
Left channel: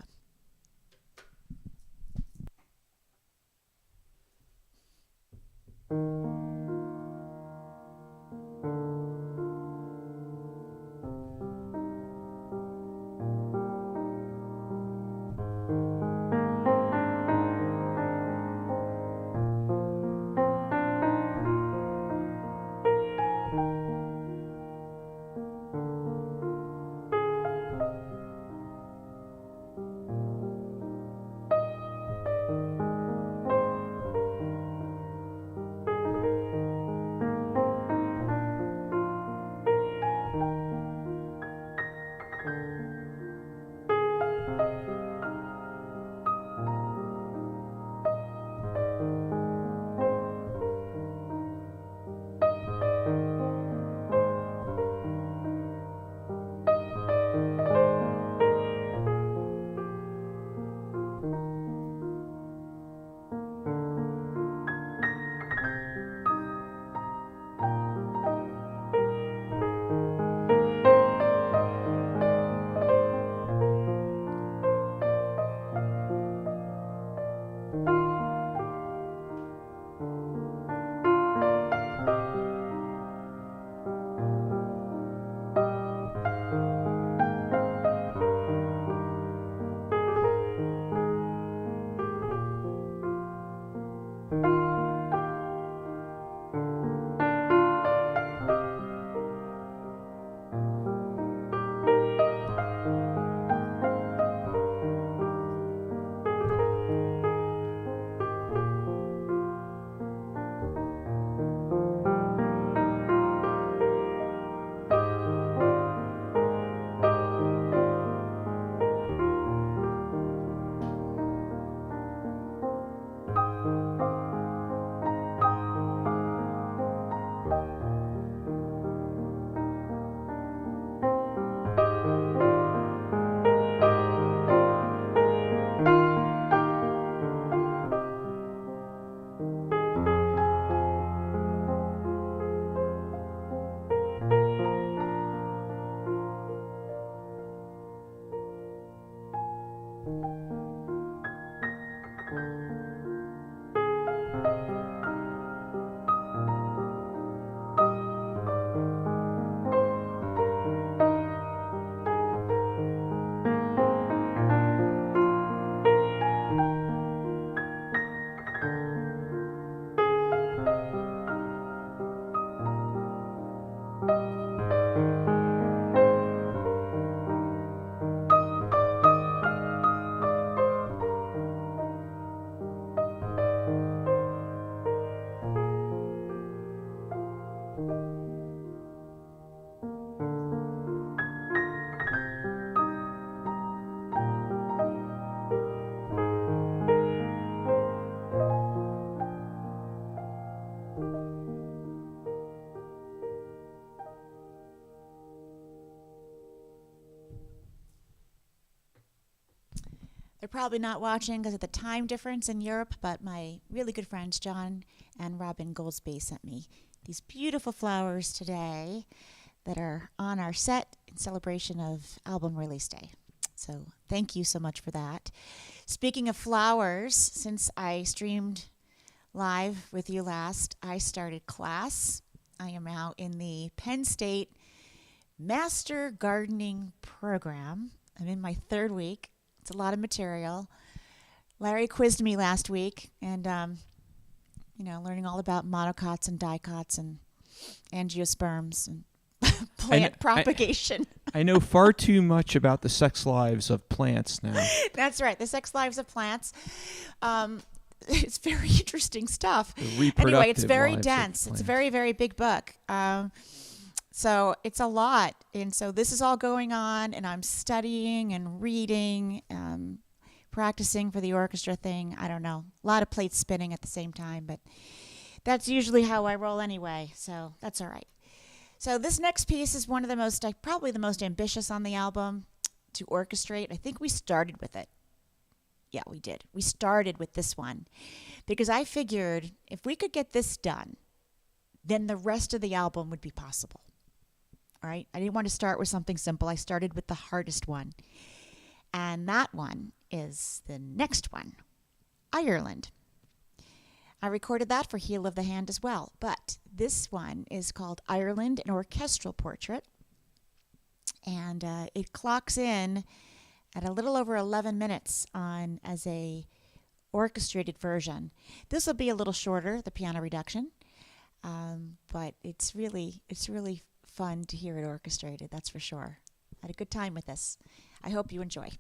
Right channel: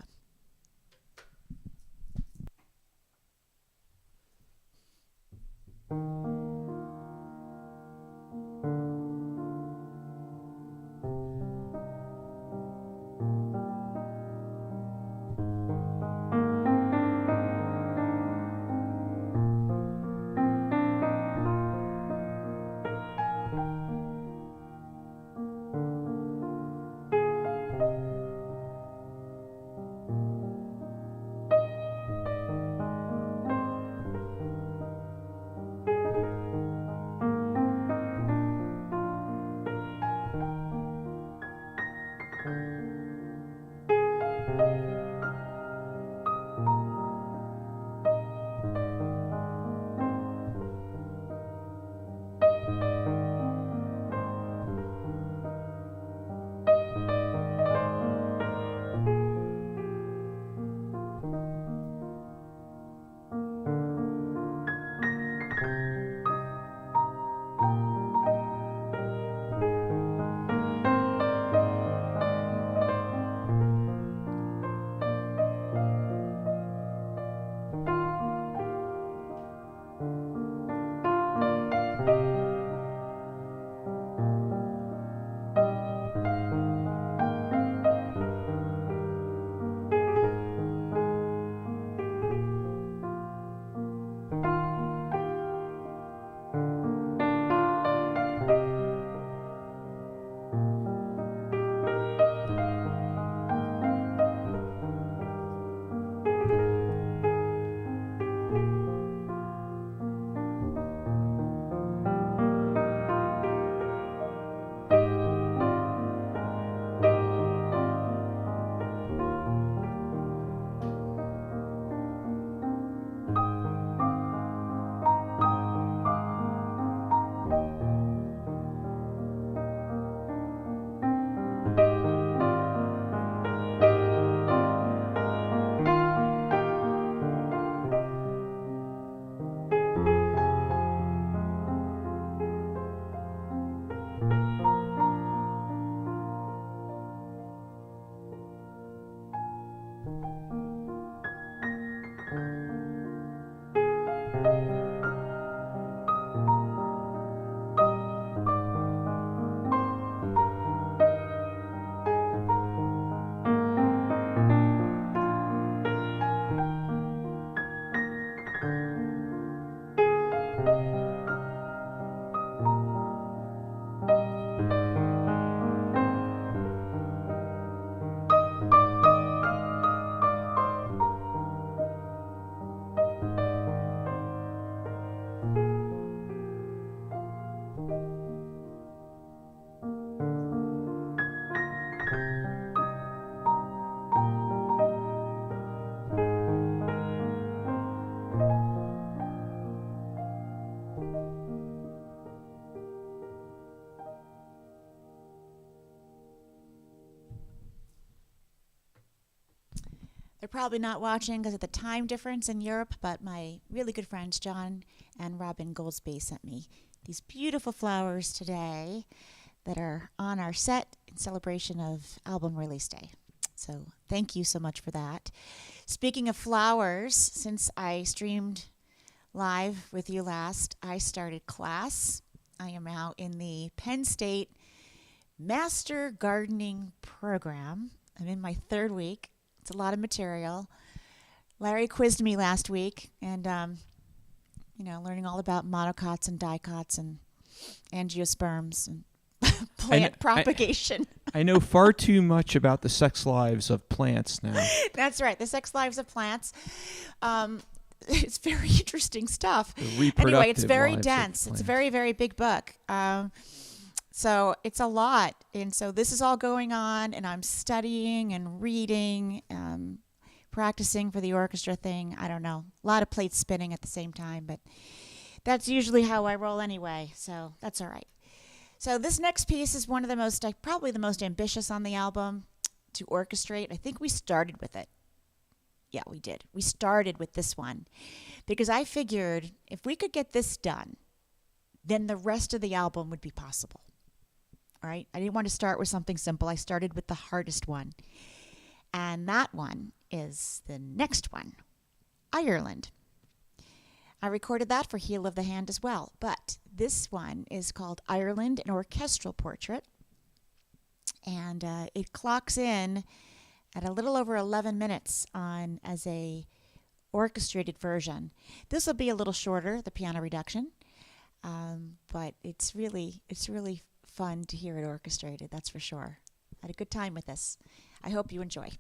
They're probably not watching because of the time difference in Europe, but my really good friends John and Robin Goldsby sent me these beautiful flowers today that are on our set in celebration of album release day. So thank you so much for that. Speaking of flowers, since I streamed live with you last, I started class. I am now in the Penn State Master Gardening Program. I'm in my third week. It's a lot of material. Larry quizzed me last week, and learning all about monocots and dicots and angiosperms and plant propagation. I know far too much about the sex lives of plants now. That's right, the sex lives of plants. It's very interesting stuff. Anyway, it's very dense. It's a very, very big book. So it's a lot. And so this is all going on, and I'm studying and reading, practicing for the orchestra thing. I don't know. A lot of plates spinning at the same time, but that's usually how I roll anyway, so that's all right. So this next piece is one of the most, probably the most ambitious on the album to orchestrate. I think we started with it. Yeah, we did. We started with this one because I figured if we could get this done, then the rest of the album would be possible. All right? I didn't want to start with something simple. I started with the hardest one. And that one is the next one, Ireland. I recorded that for Heel of the Hand as well. But this one is called Ireland, an Orchestral Portrait. And it clocks in at a little over 11 minutes on as a orchestrated version. This will be a little shorter, the piano reduction. But it's really fun to hear it orchestrated, that's for sure. I had a good time with this. I hope you enjoy.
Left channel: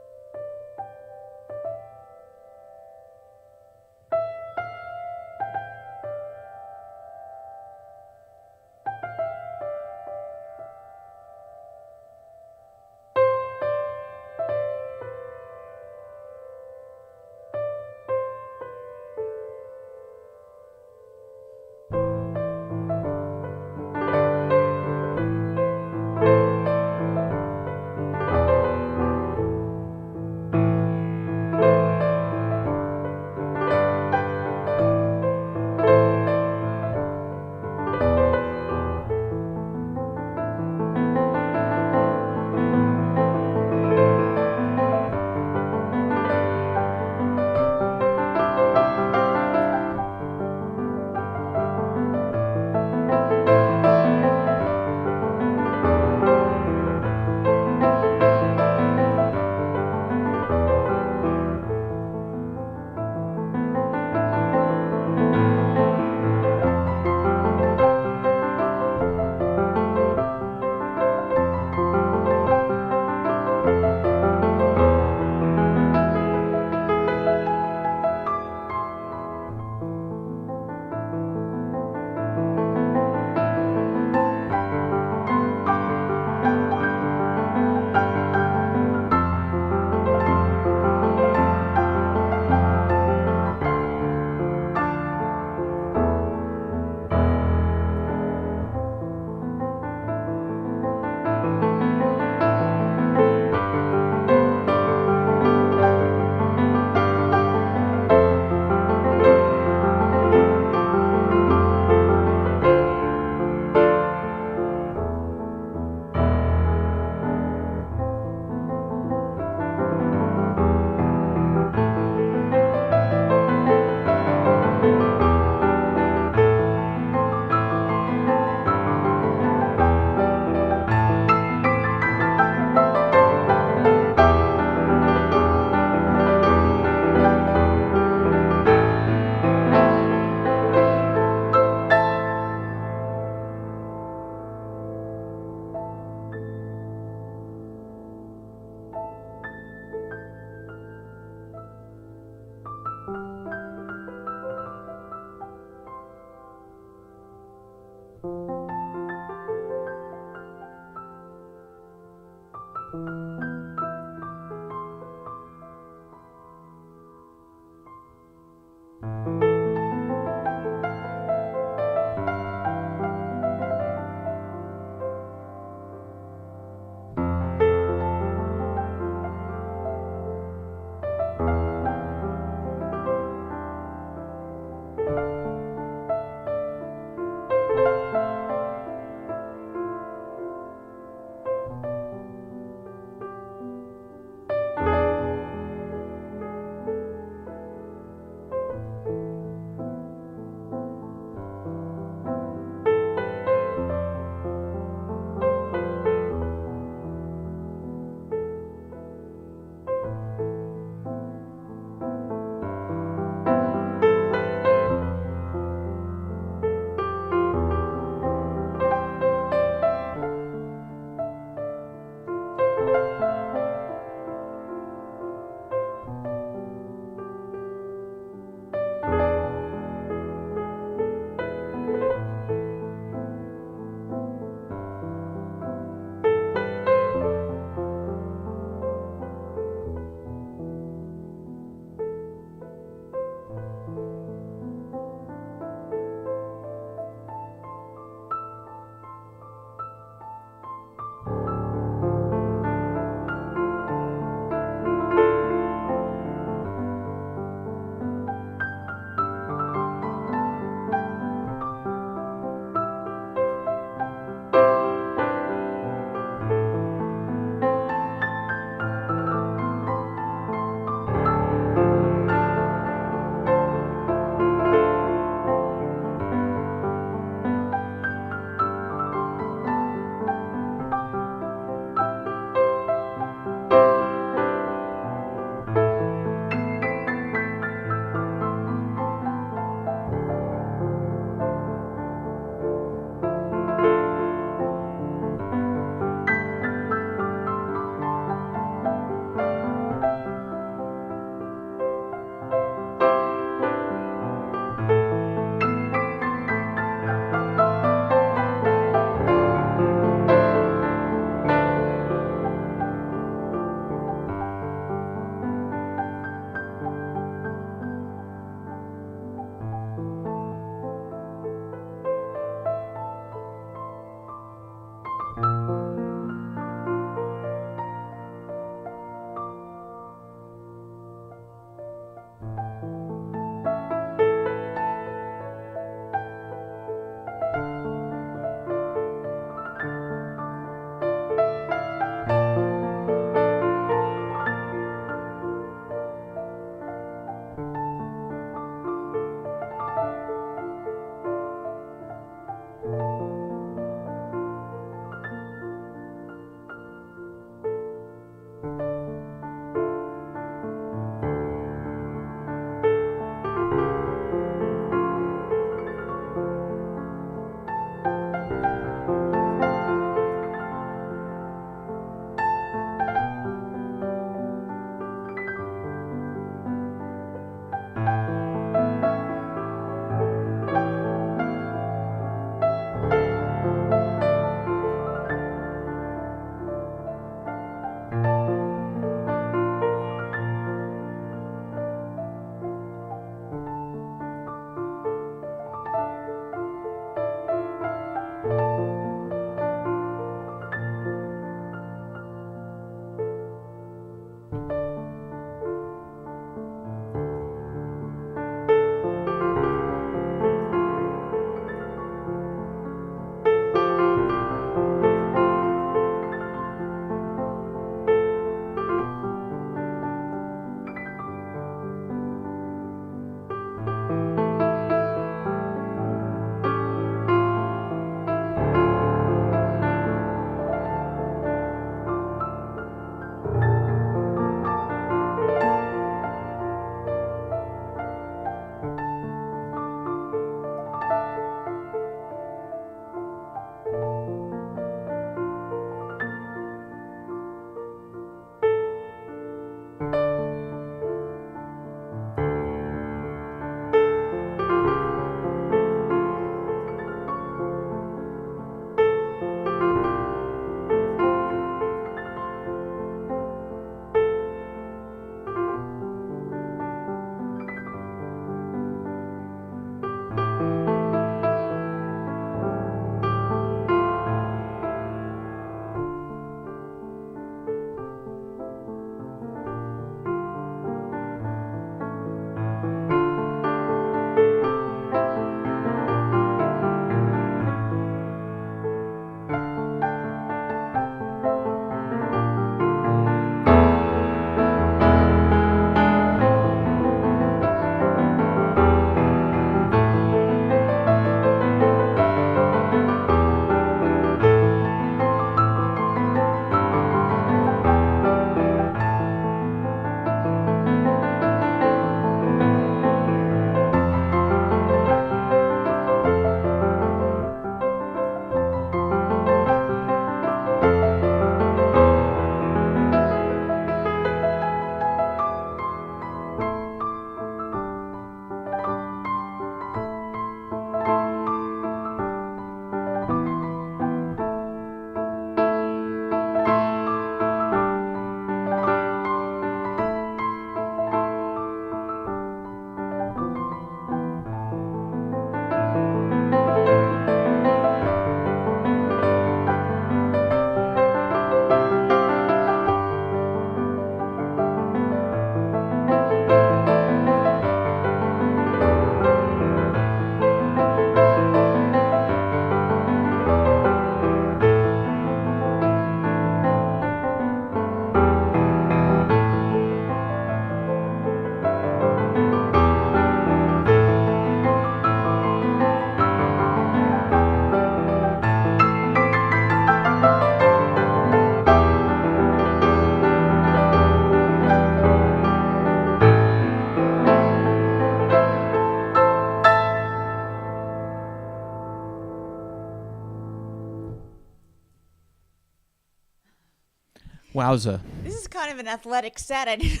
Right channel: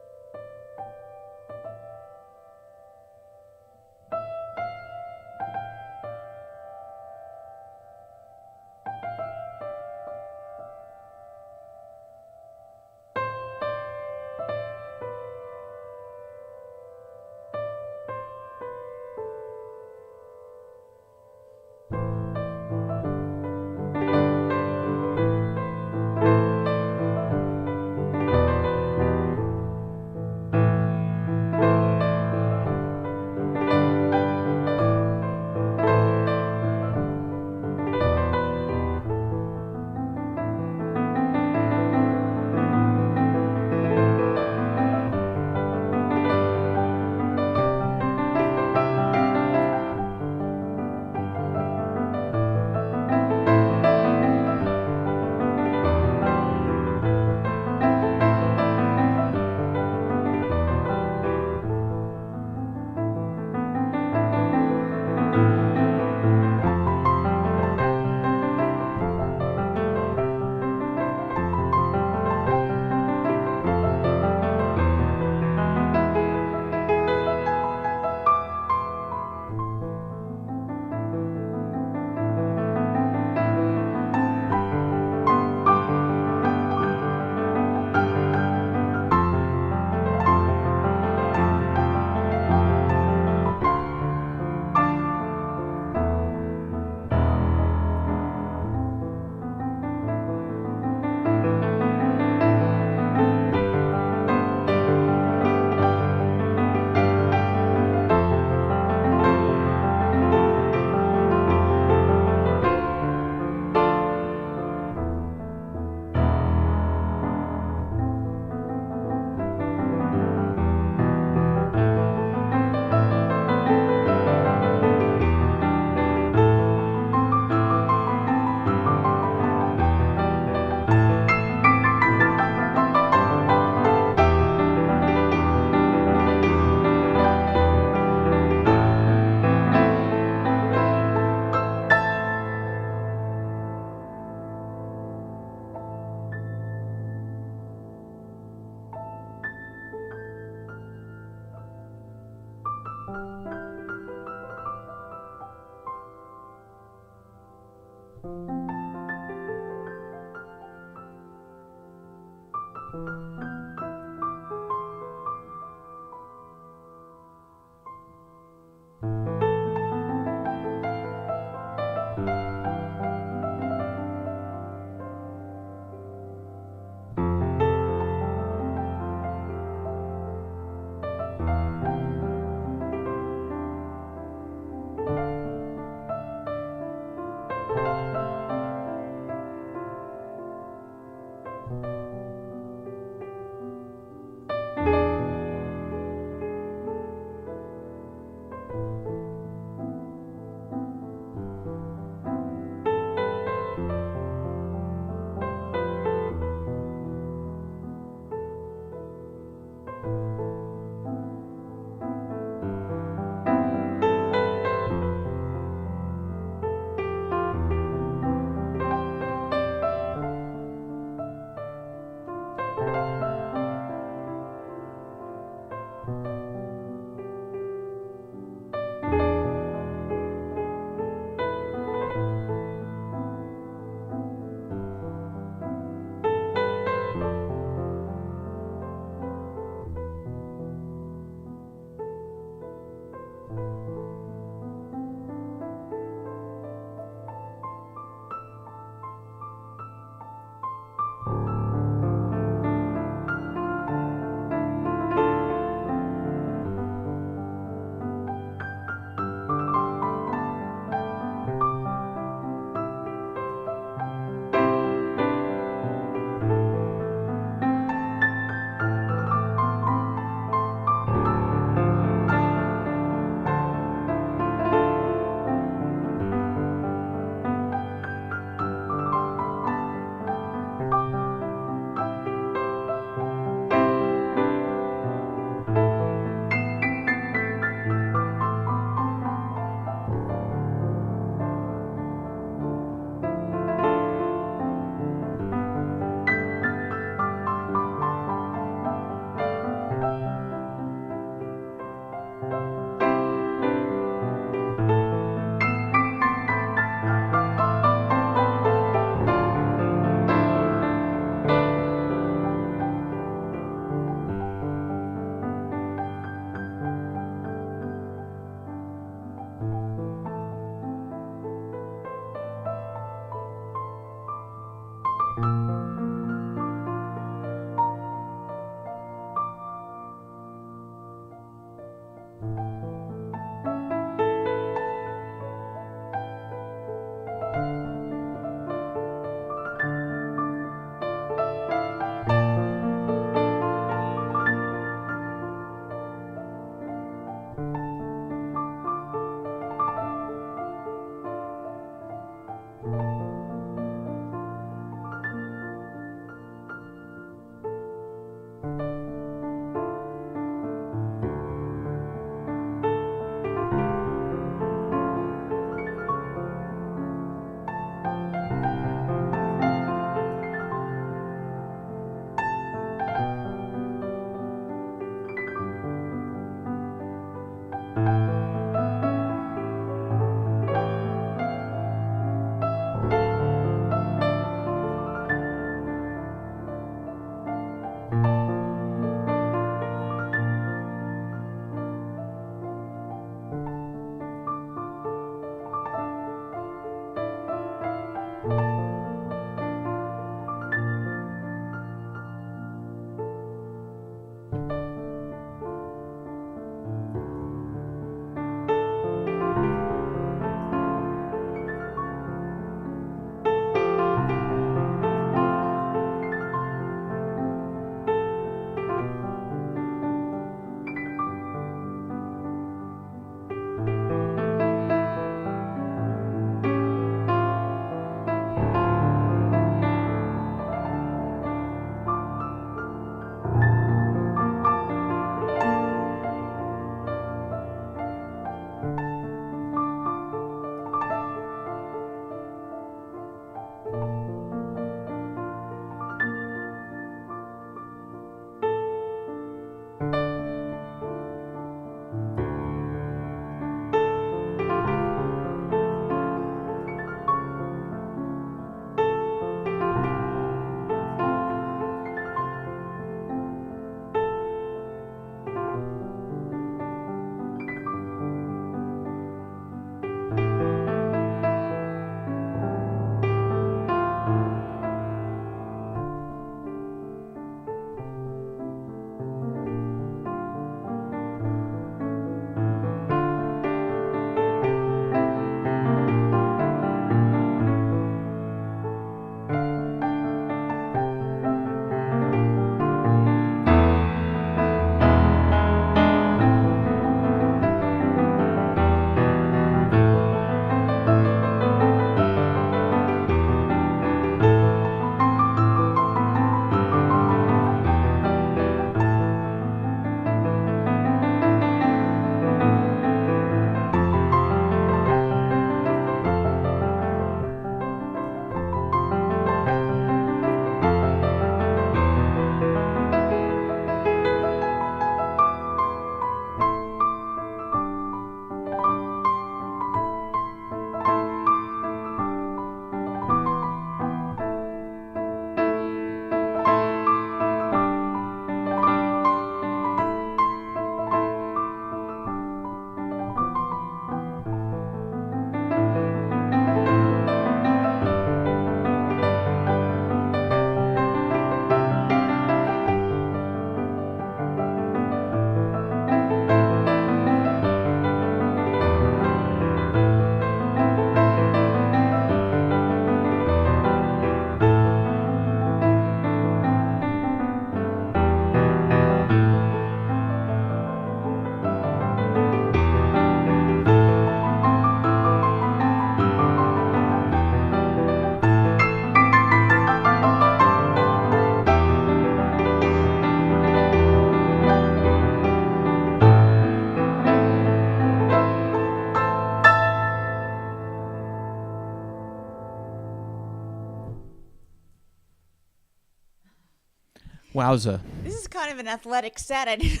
Wowza. This is kind of an athletic set. I didn't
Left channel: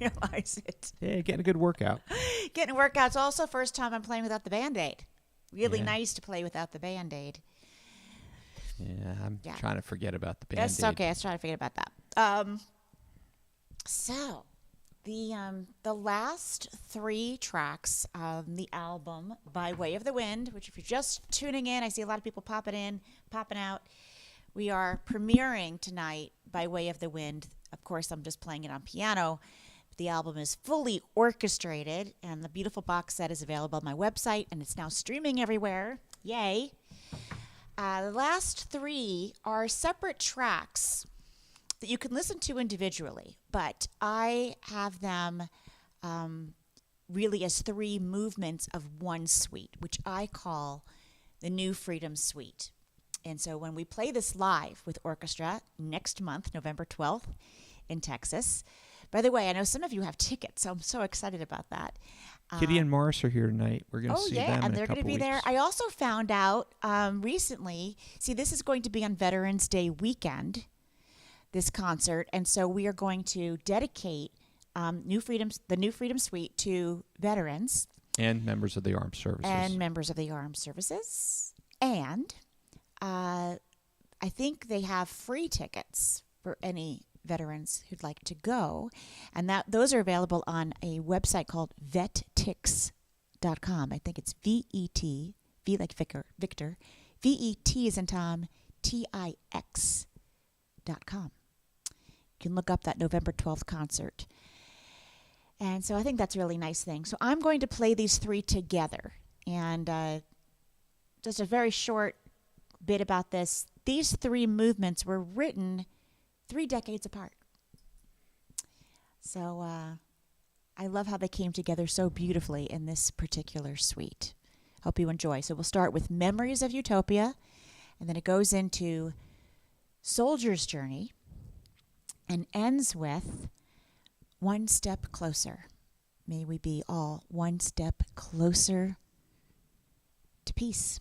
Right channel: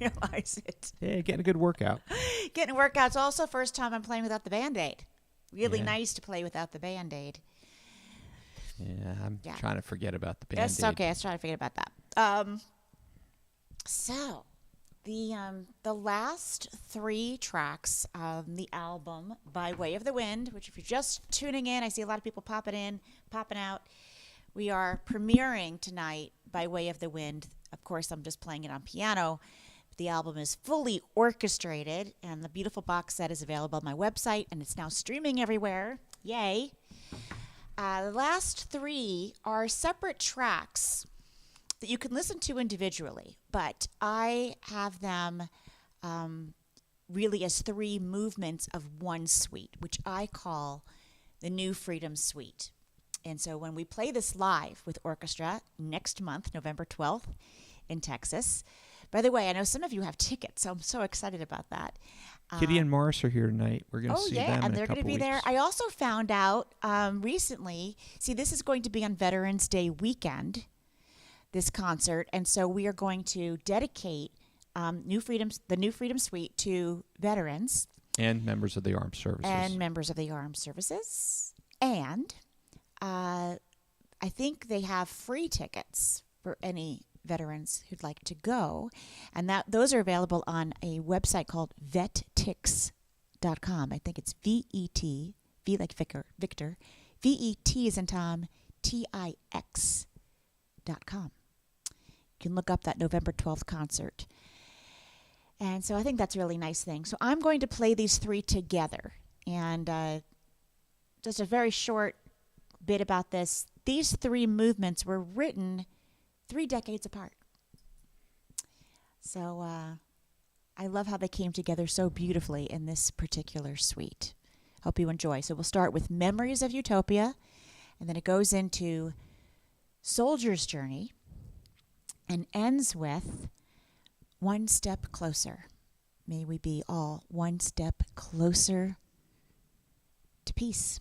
realize it. Yeah, getting a good workout. Getting workouts. Also, first time I'm playing without the Band-Aid. Really Yeah. nice to play without the Band-Aid. Yeah, I'm trying to forget about the Band-Aid. That's okay. I was trying to forget about that. So, the last 3 tracks on the album, By Way of the Wind, which if you're just tuning in, I see a lot of people popping in, popping out. We are premiering tonight By Way of the Wind. Of course, I'm just playing it on piano. The album is fully orchestrated, and the beautiful box set is available on my website, and it's now streaming everywhere. Yay. The last 3 are separate tracks that you can listen to individually, but I have them really as 3 movements of one suite, which I call the New Freedom Suite. And so when we play this live with orchestra next month, November 12th in Texas. By the way, I know some of you have tickets, so I'm so excited about that. Kitty and Morris are here tonight. We're going to see them in a couple and they're going to be weeks. there. I also found out recently, see, this is going to be on Veterans Day weekend, this concert, and so we are going to dedicate the New Freedom Suite to veterans. And members of the armed services. And I think they have free tickets for any veterans who'd like to go, and those are available on a website called vettix.com. I think it's V-E-T, V like Victor, V-E-T as in Tom, Tix.com. You can look up that November 12th concert. And so I think that's a really nice thing. So I'm going to play these 3 together. And just a very short bit about this. These 3 movements were written 3 decades apart. So I love how they came together so beautifully in this particular suite. Hope you enjoy. So we'll start with Memories of Utopia, and then it goes into Soldier's Journey and ends with One Step Closer. May we be all one step closer to peace.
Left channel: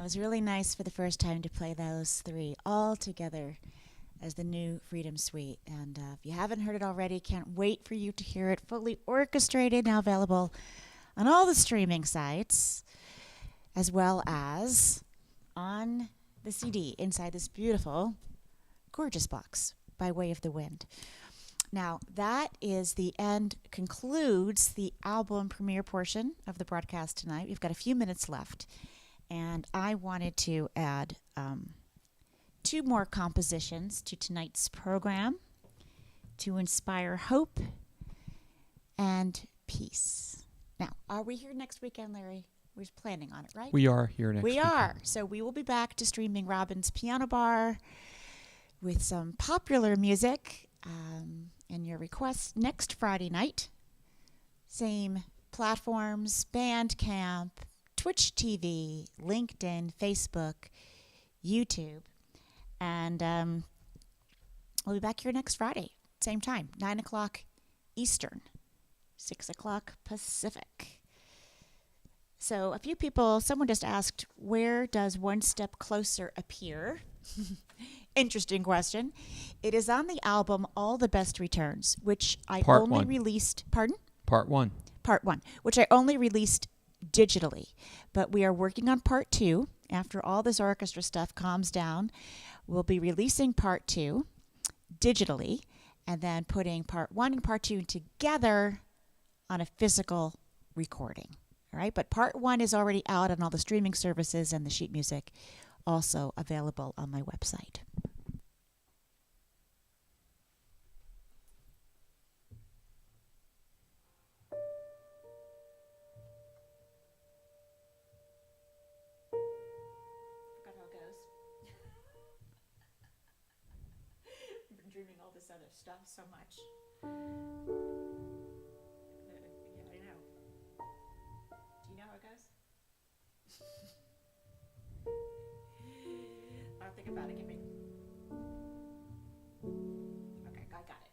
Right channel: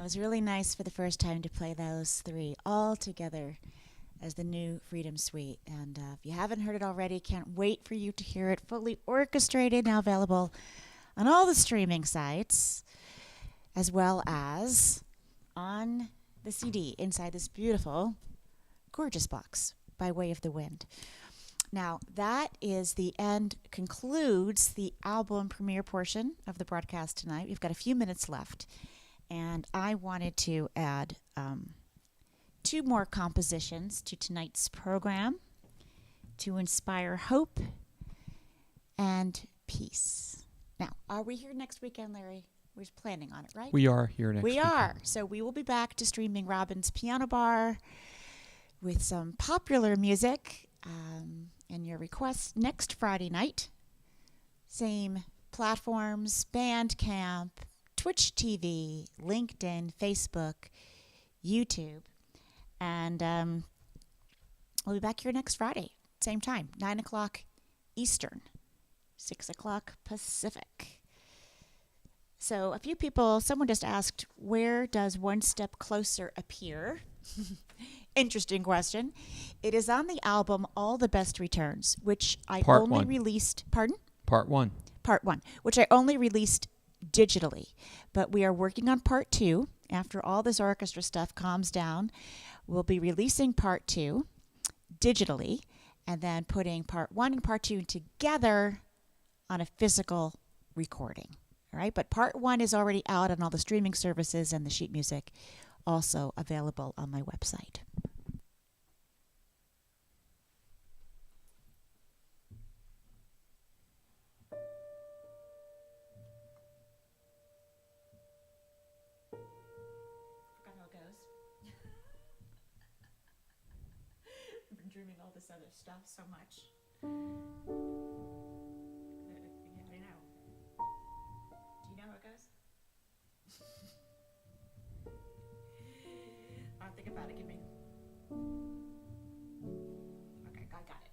it was really nice for the first time to play those three all together as the new Freedom Suite. And if you haven't heard it already, can't wait for you to hear it fully orchestrated, now available on all the streaming sites, as well as on the CD inside this beautiful, gorgeous box by way of the wind. Now, that is the end, concludes the album premiere portion of the broadcast tonight. We've got a few minutes left, and I wanted to add two more compositions to tonight's program to inspire hope and peace. Now, are we here next weekend, Larry? We're planning on it, right? We are here next weekend. We are. So we will be back to streaming Robin's Piano Bar with some popular music and your requests next Friday night. Same platforms, Bandcamp, Twitch TV, LinkedIn, Facebook, YouTube. And we'll be back here next Friday, same time, 9 o'clock Eastern, 6 o'clock Pacific. So a few people, someone just asked, where does One Step Closer appear? Interesting question. It is on the album All the Best Returns, which I only released. Pardon? Part 1. Part 1, which I only released digitally. But we are working on Part 2. After all this orchestra stuff calms down, we'll be releasing Part 2 digitally and then putting Part 1 and Part 2 together on a physical recording. All right, but Part 1 is already out on all the streaming services, and the sheet music also available on my website. Forgot how it goes. I've been dreaming all this other stuff so much. Yeah, I know. Do you know how it goes? I'll think about it. Give me. Okay, I got it.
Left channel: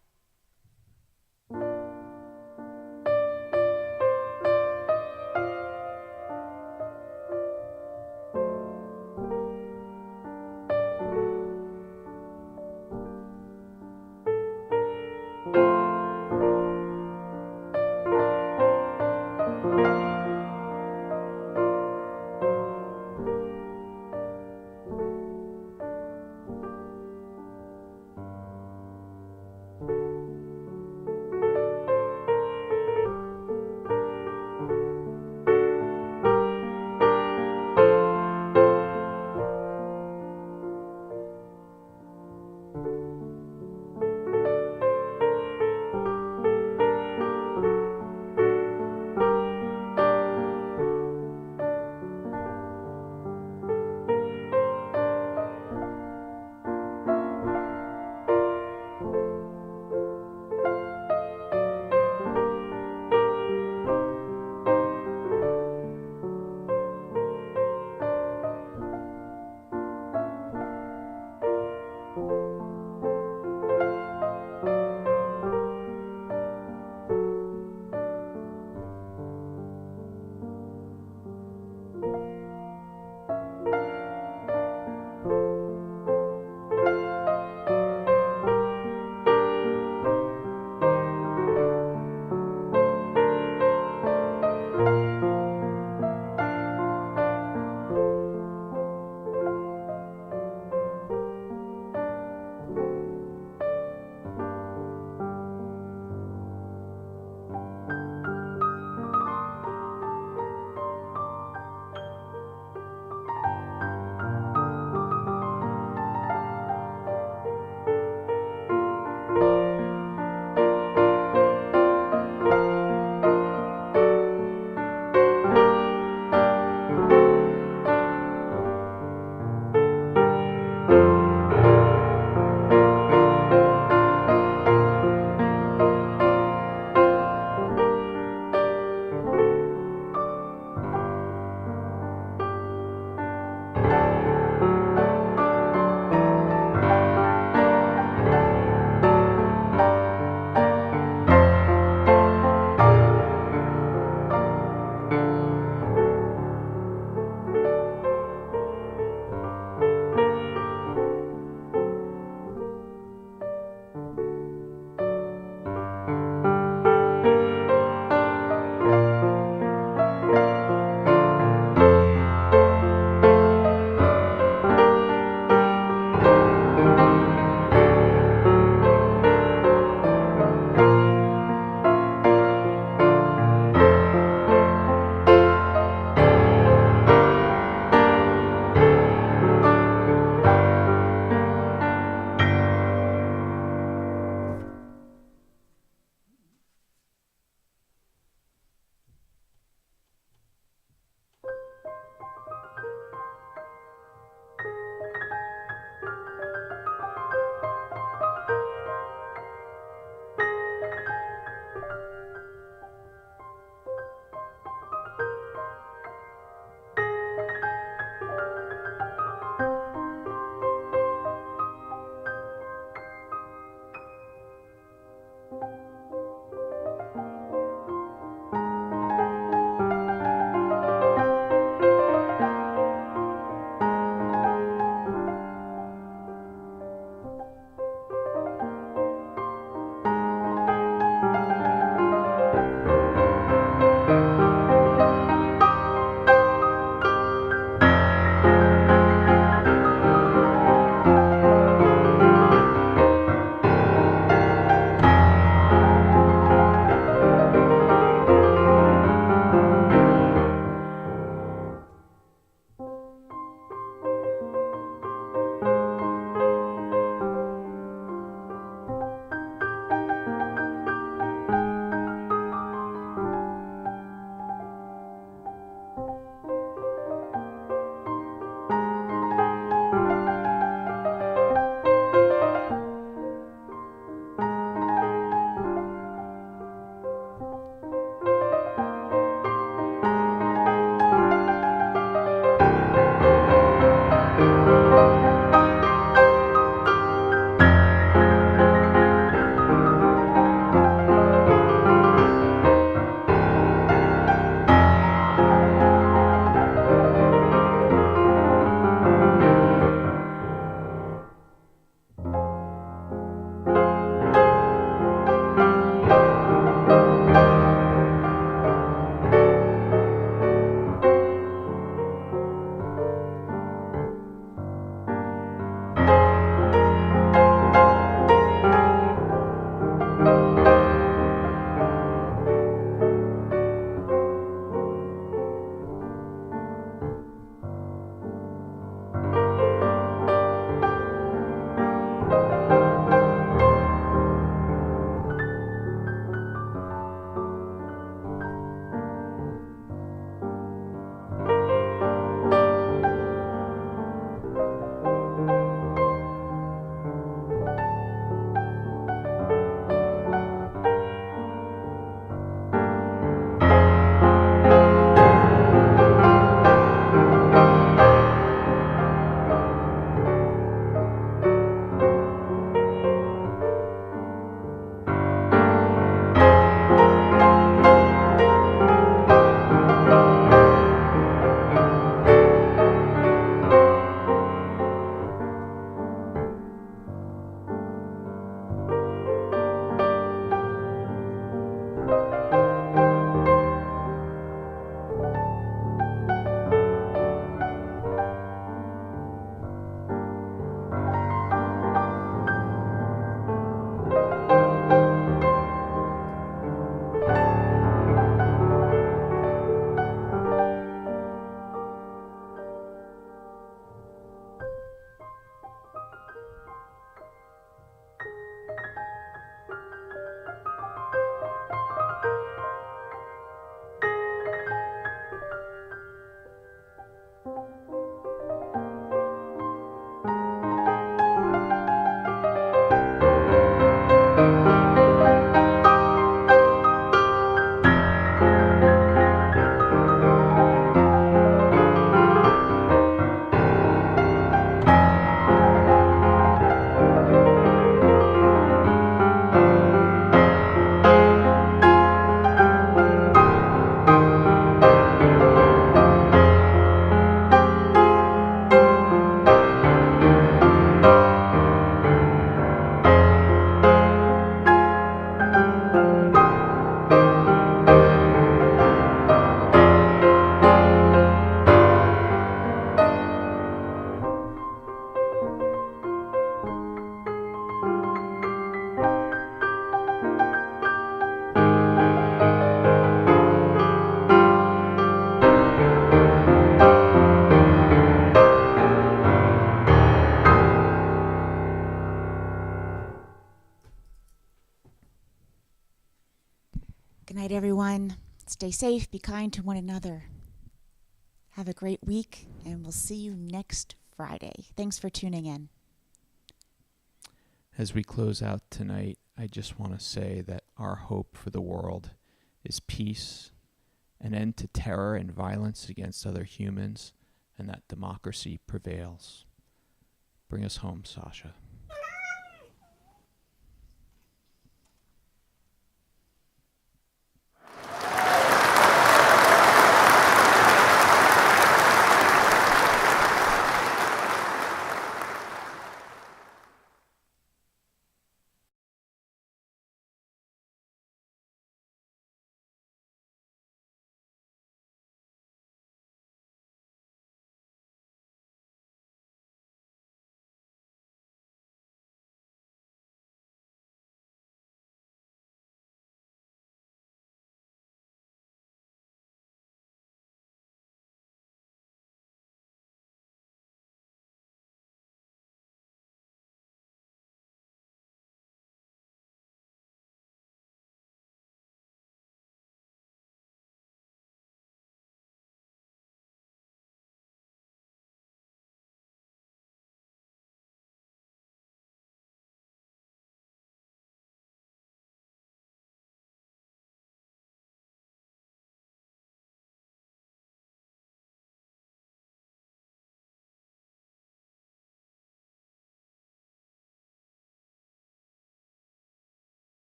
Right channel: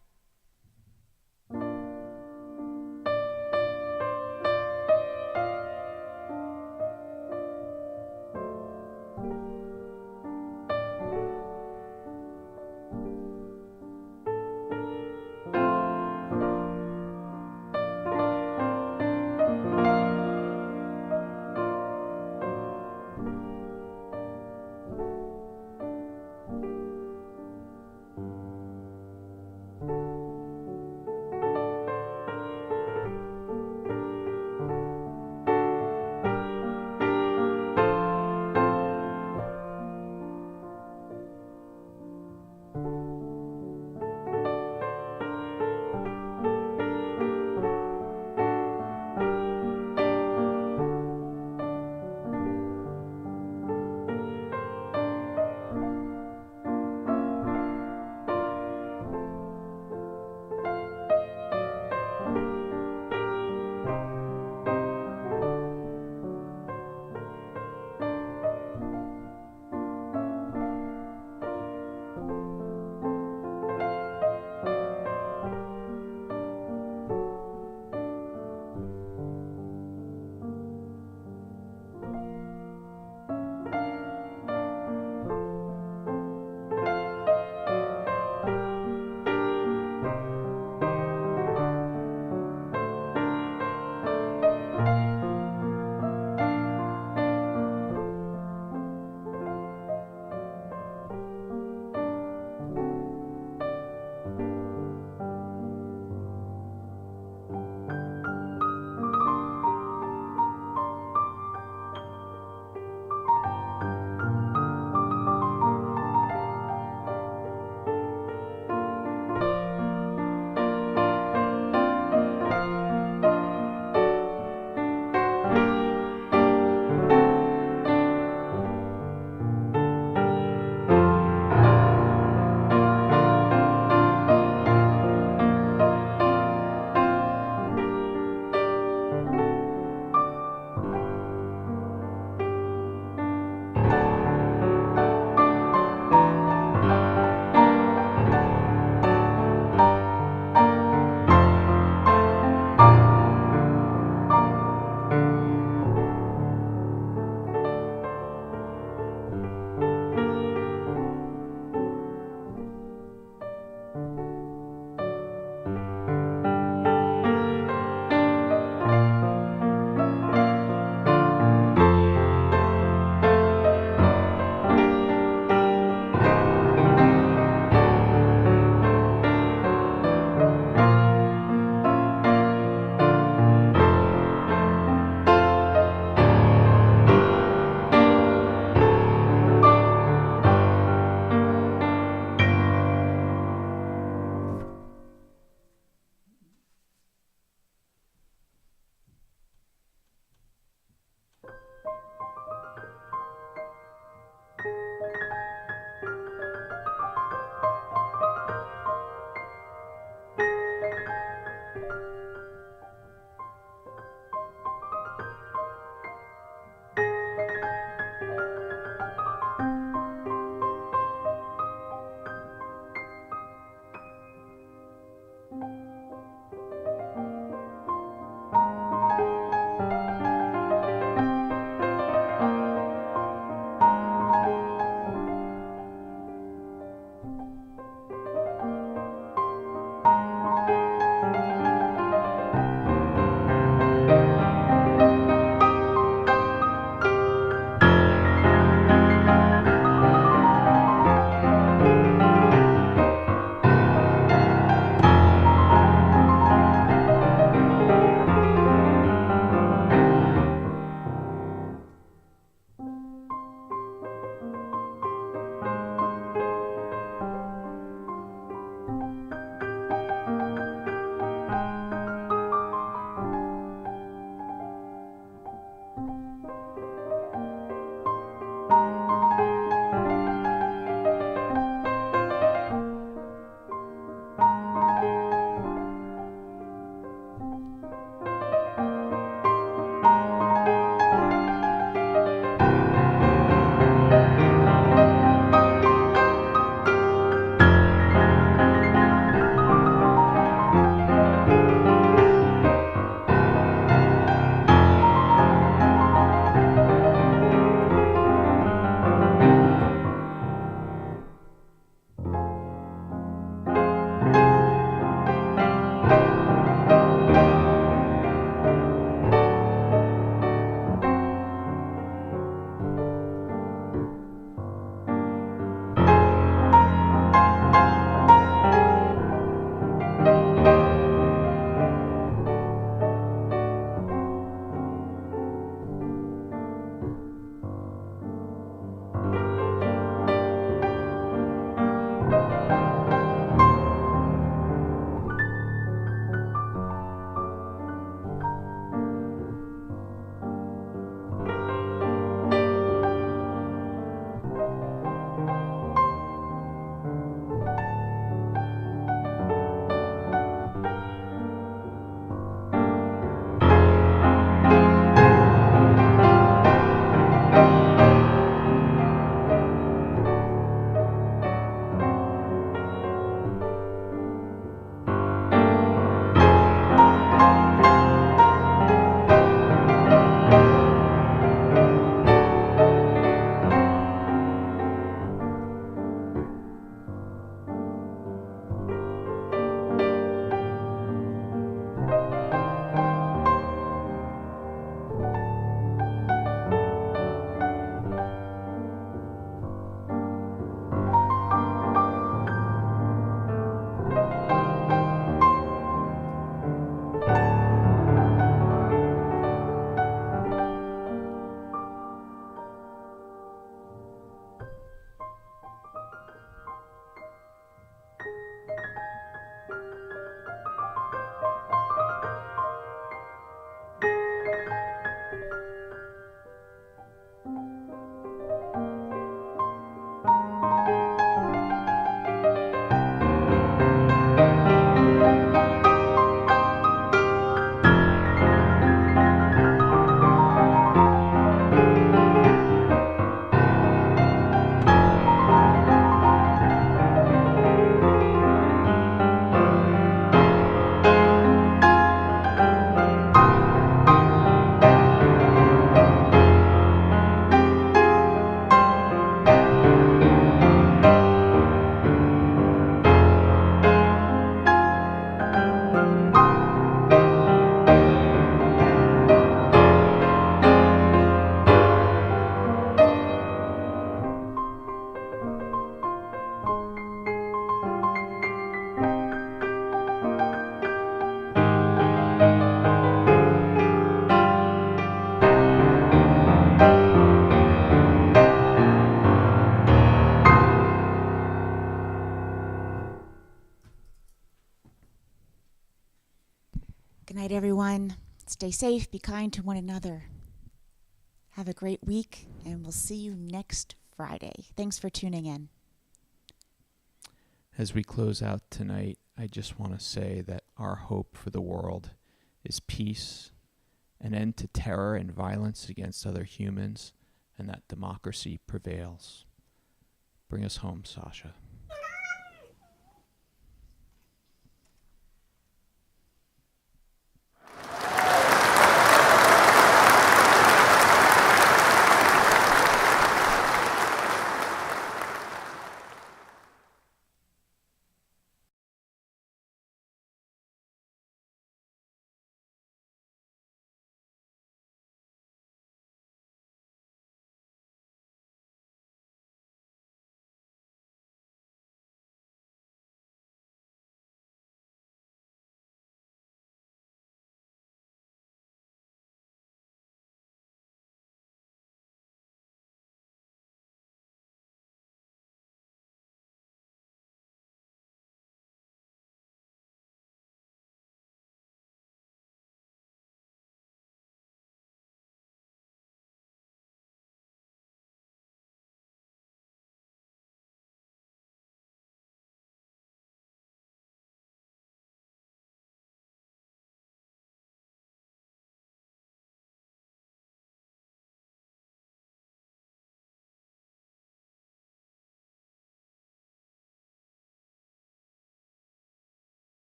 Good night, everyone. Stay safe, be kind to one another. Have a great week, and we'll see you next Friday. Thanks for tuning in. As we close out tonight, I just want to say that our hope for the world is peace, an end to terror and violence against other humans, and that democracy prevails. Bring us home, Sasha.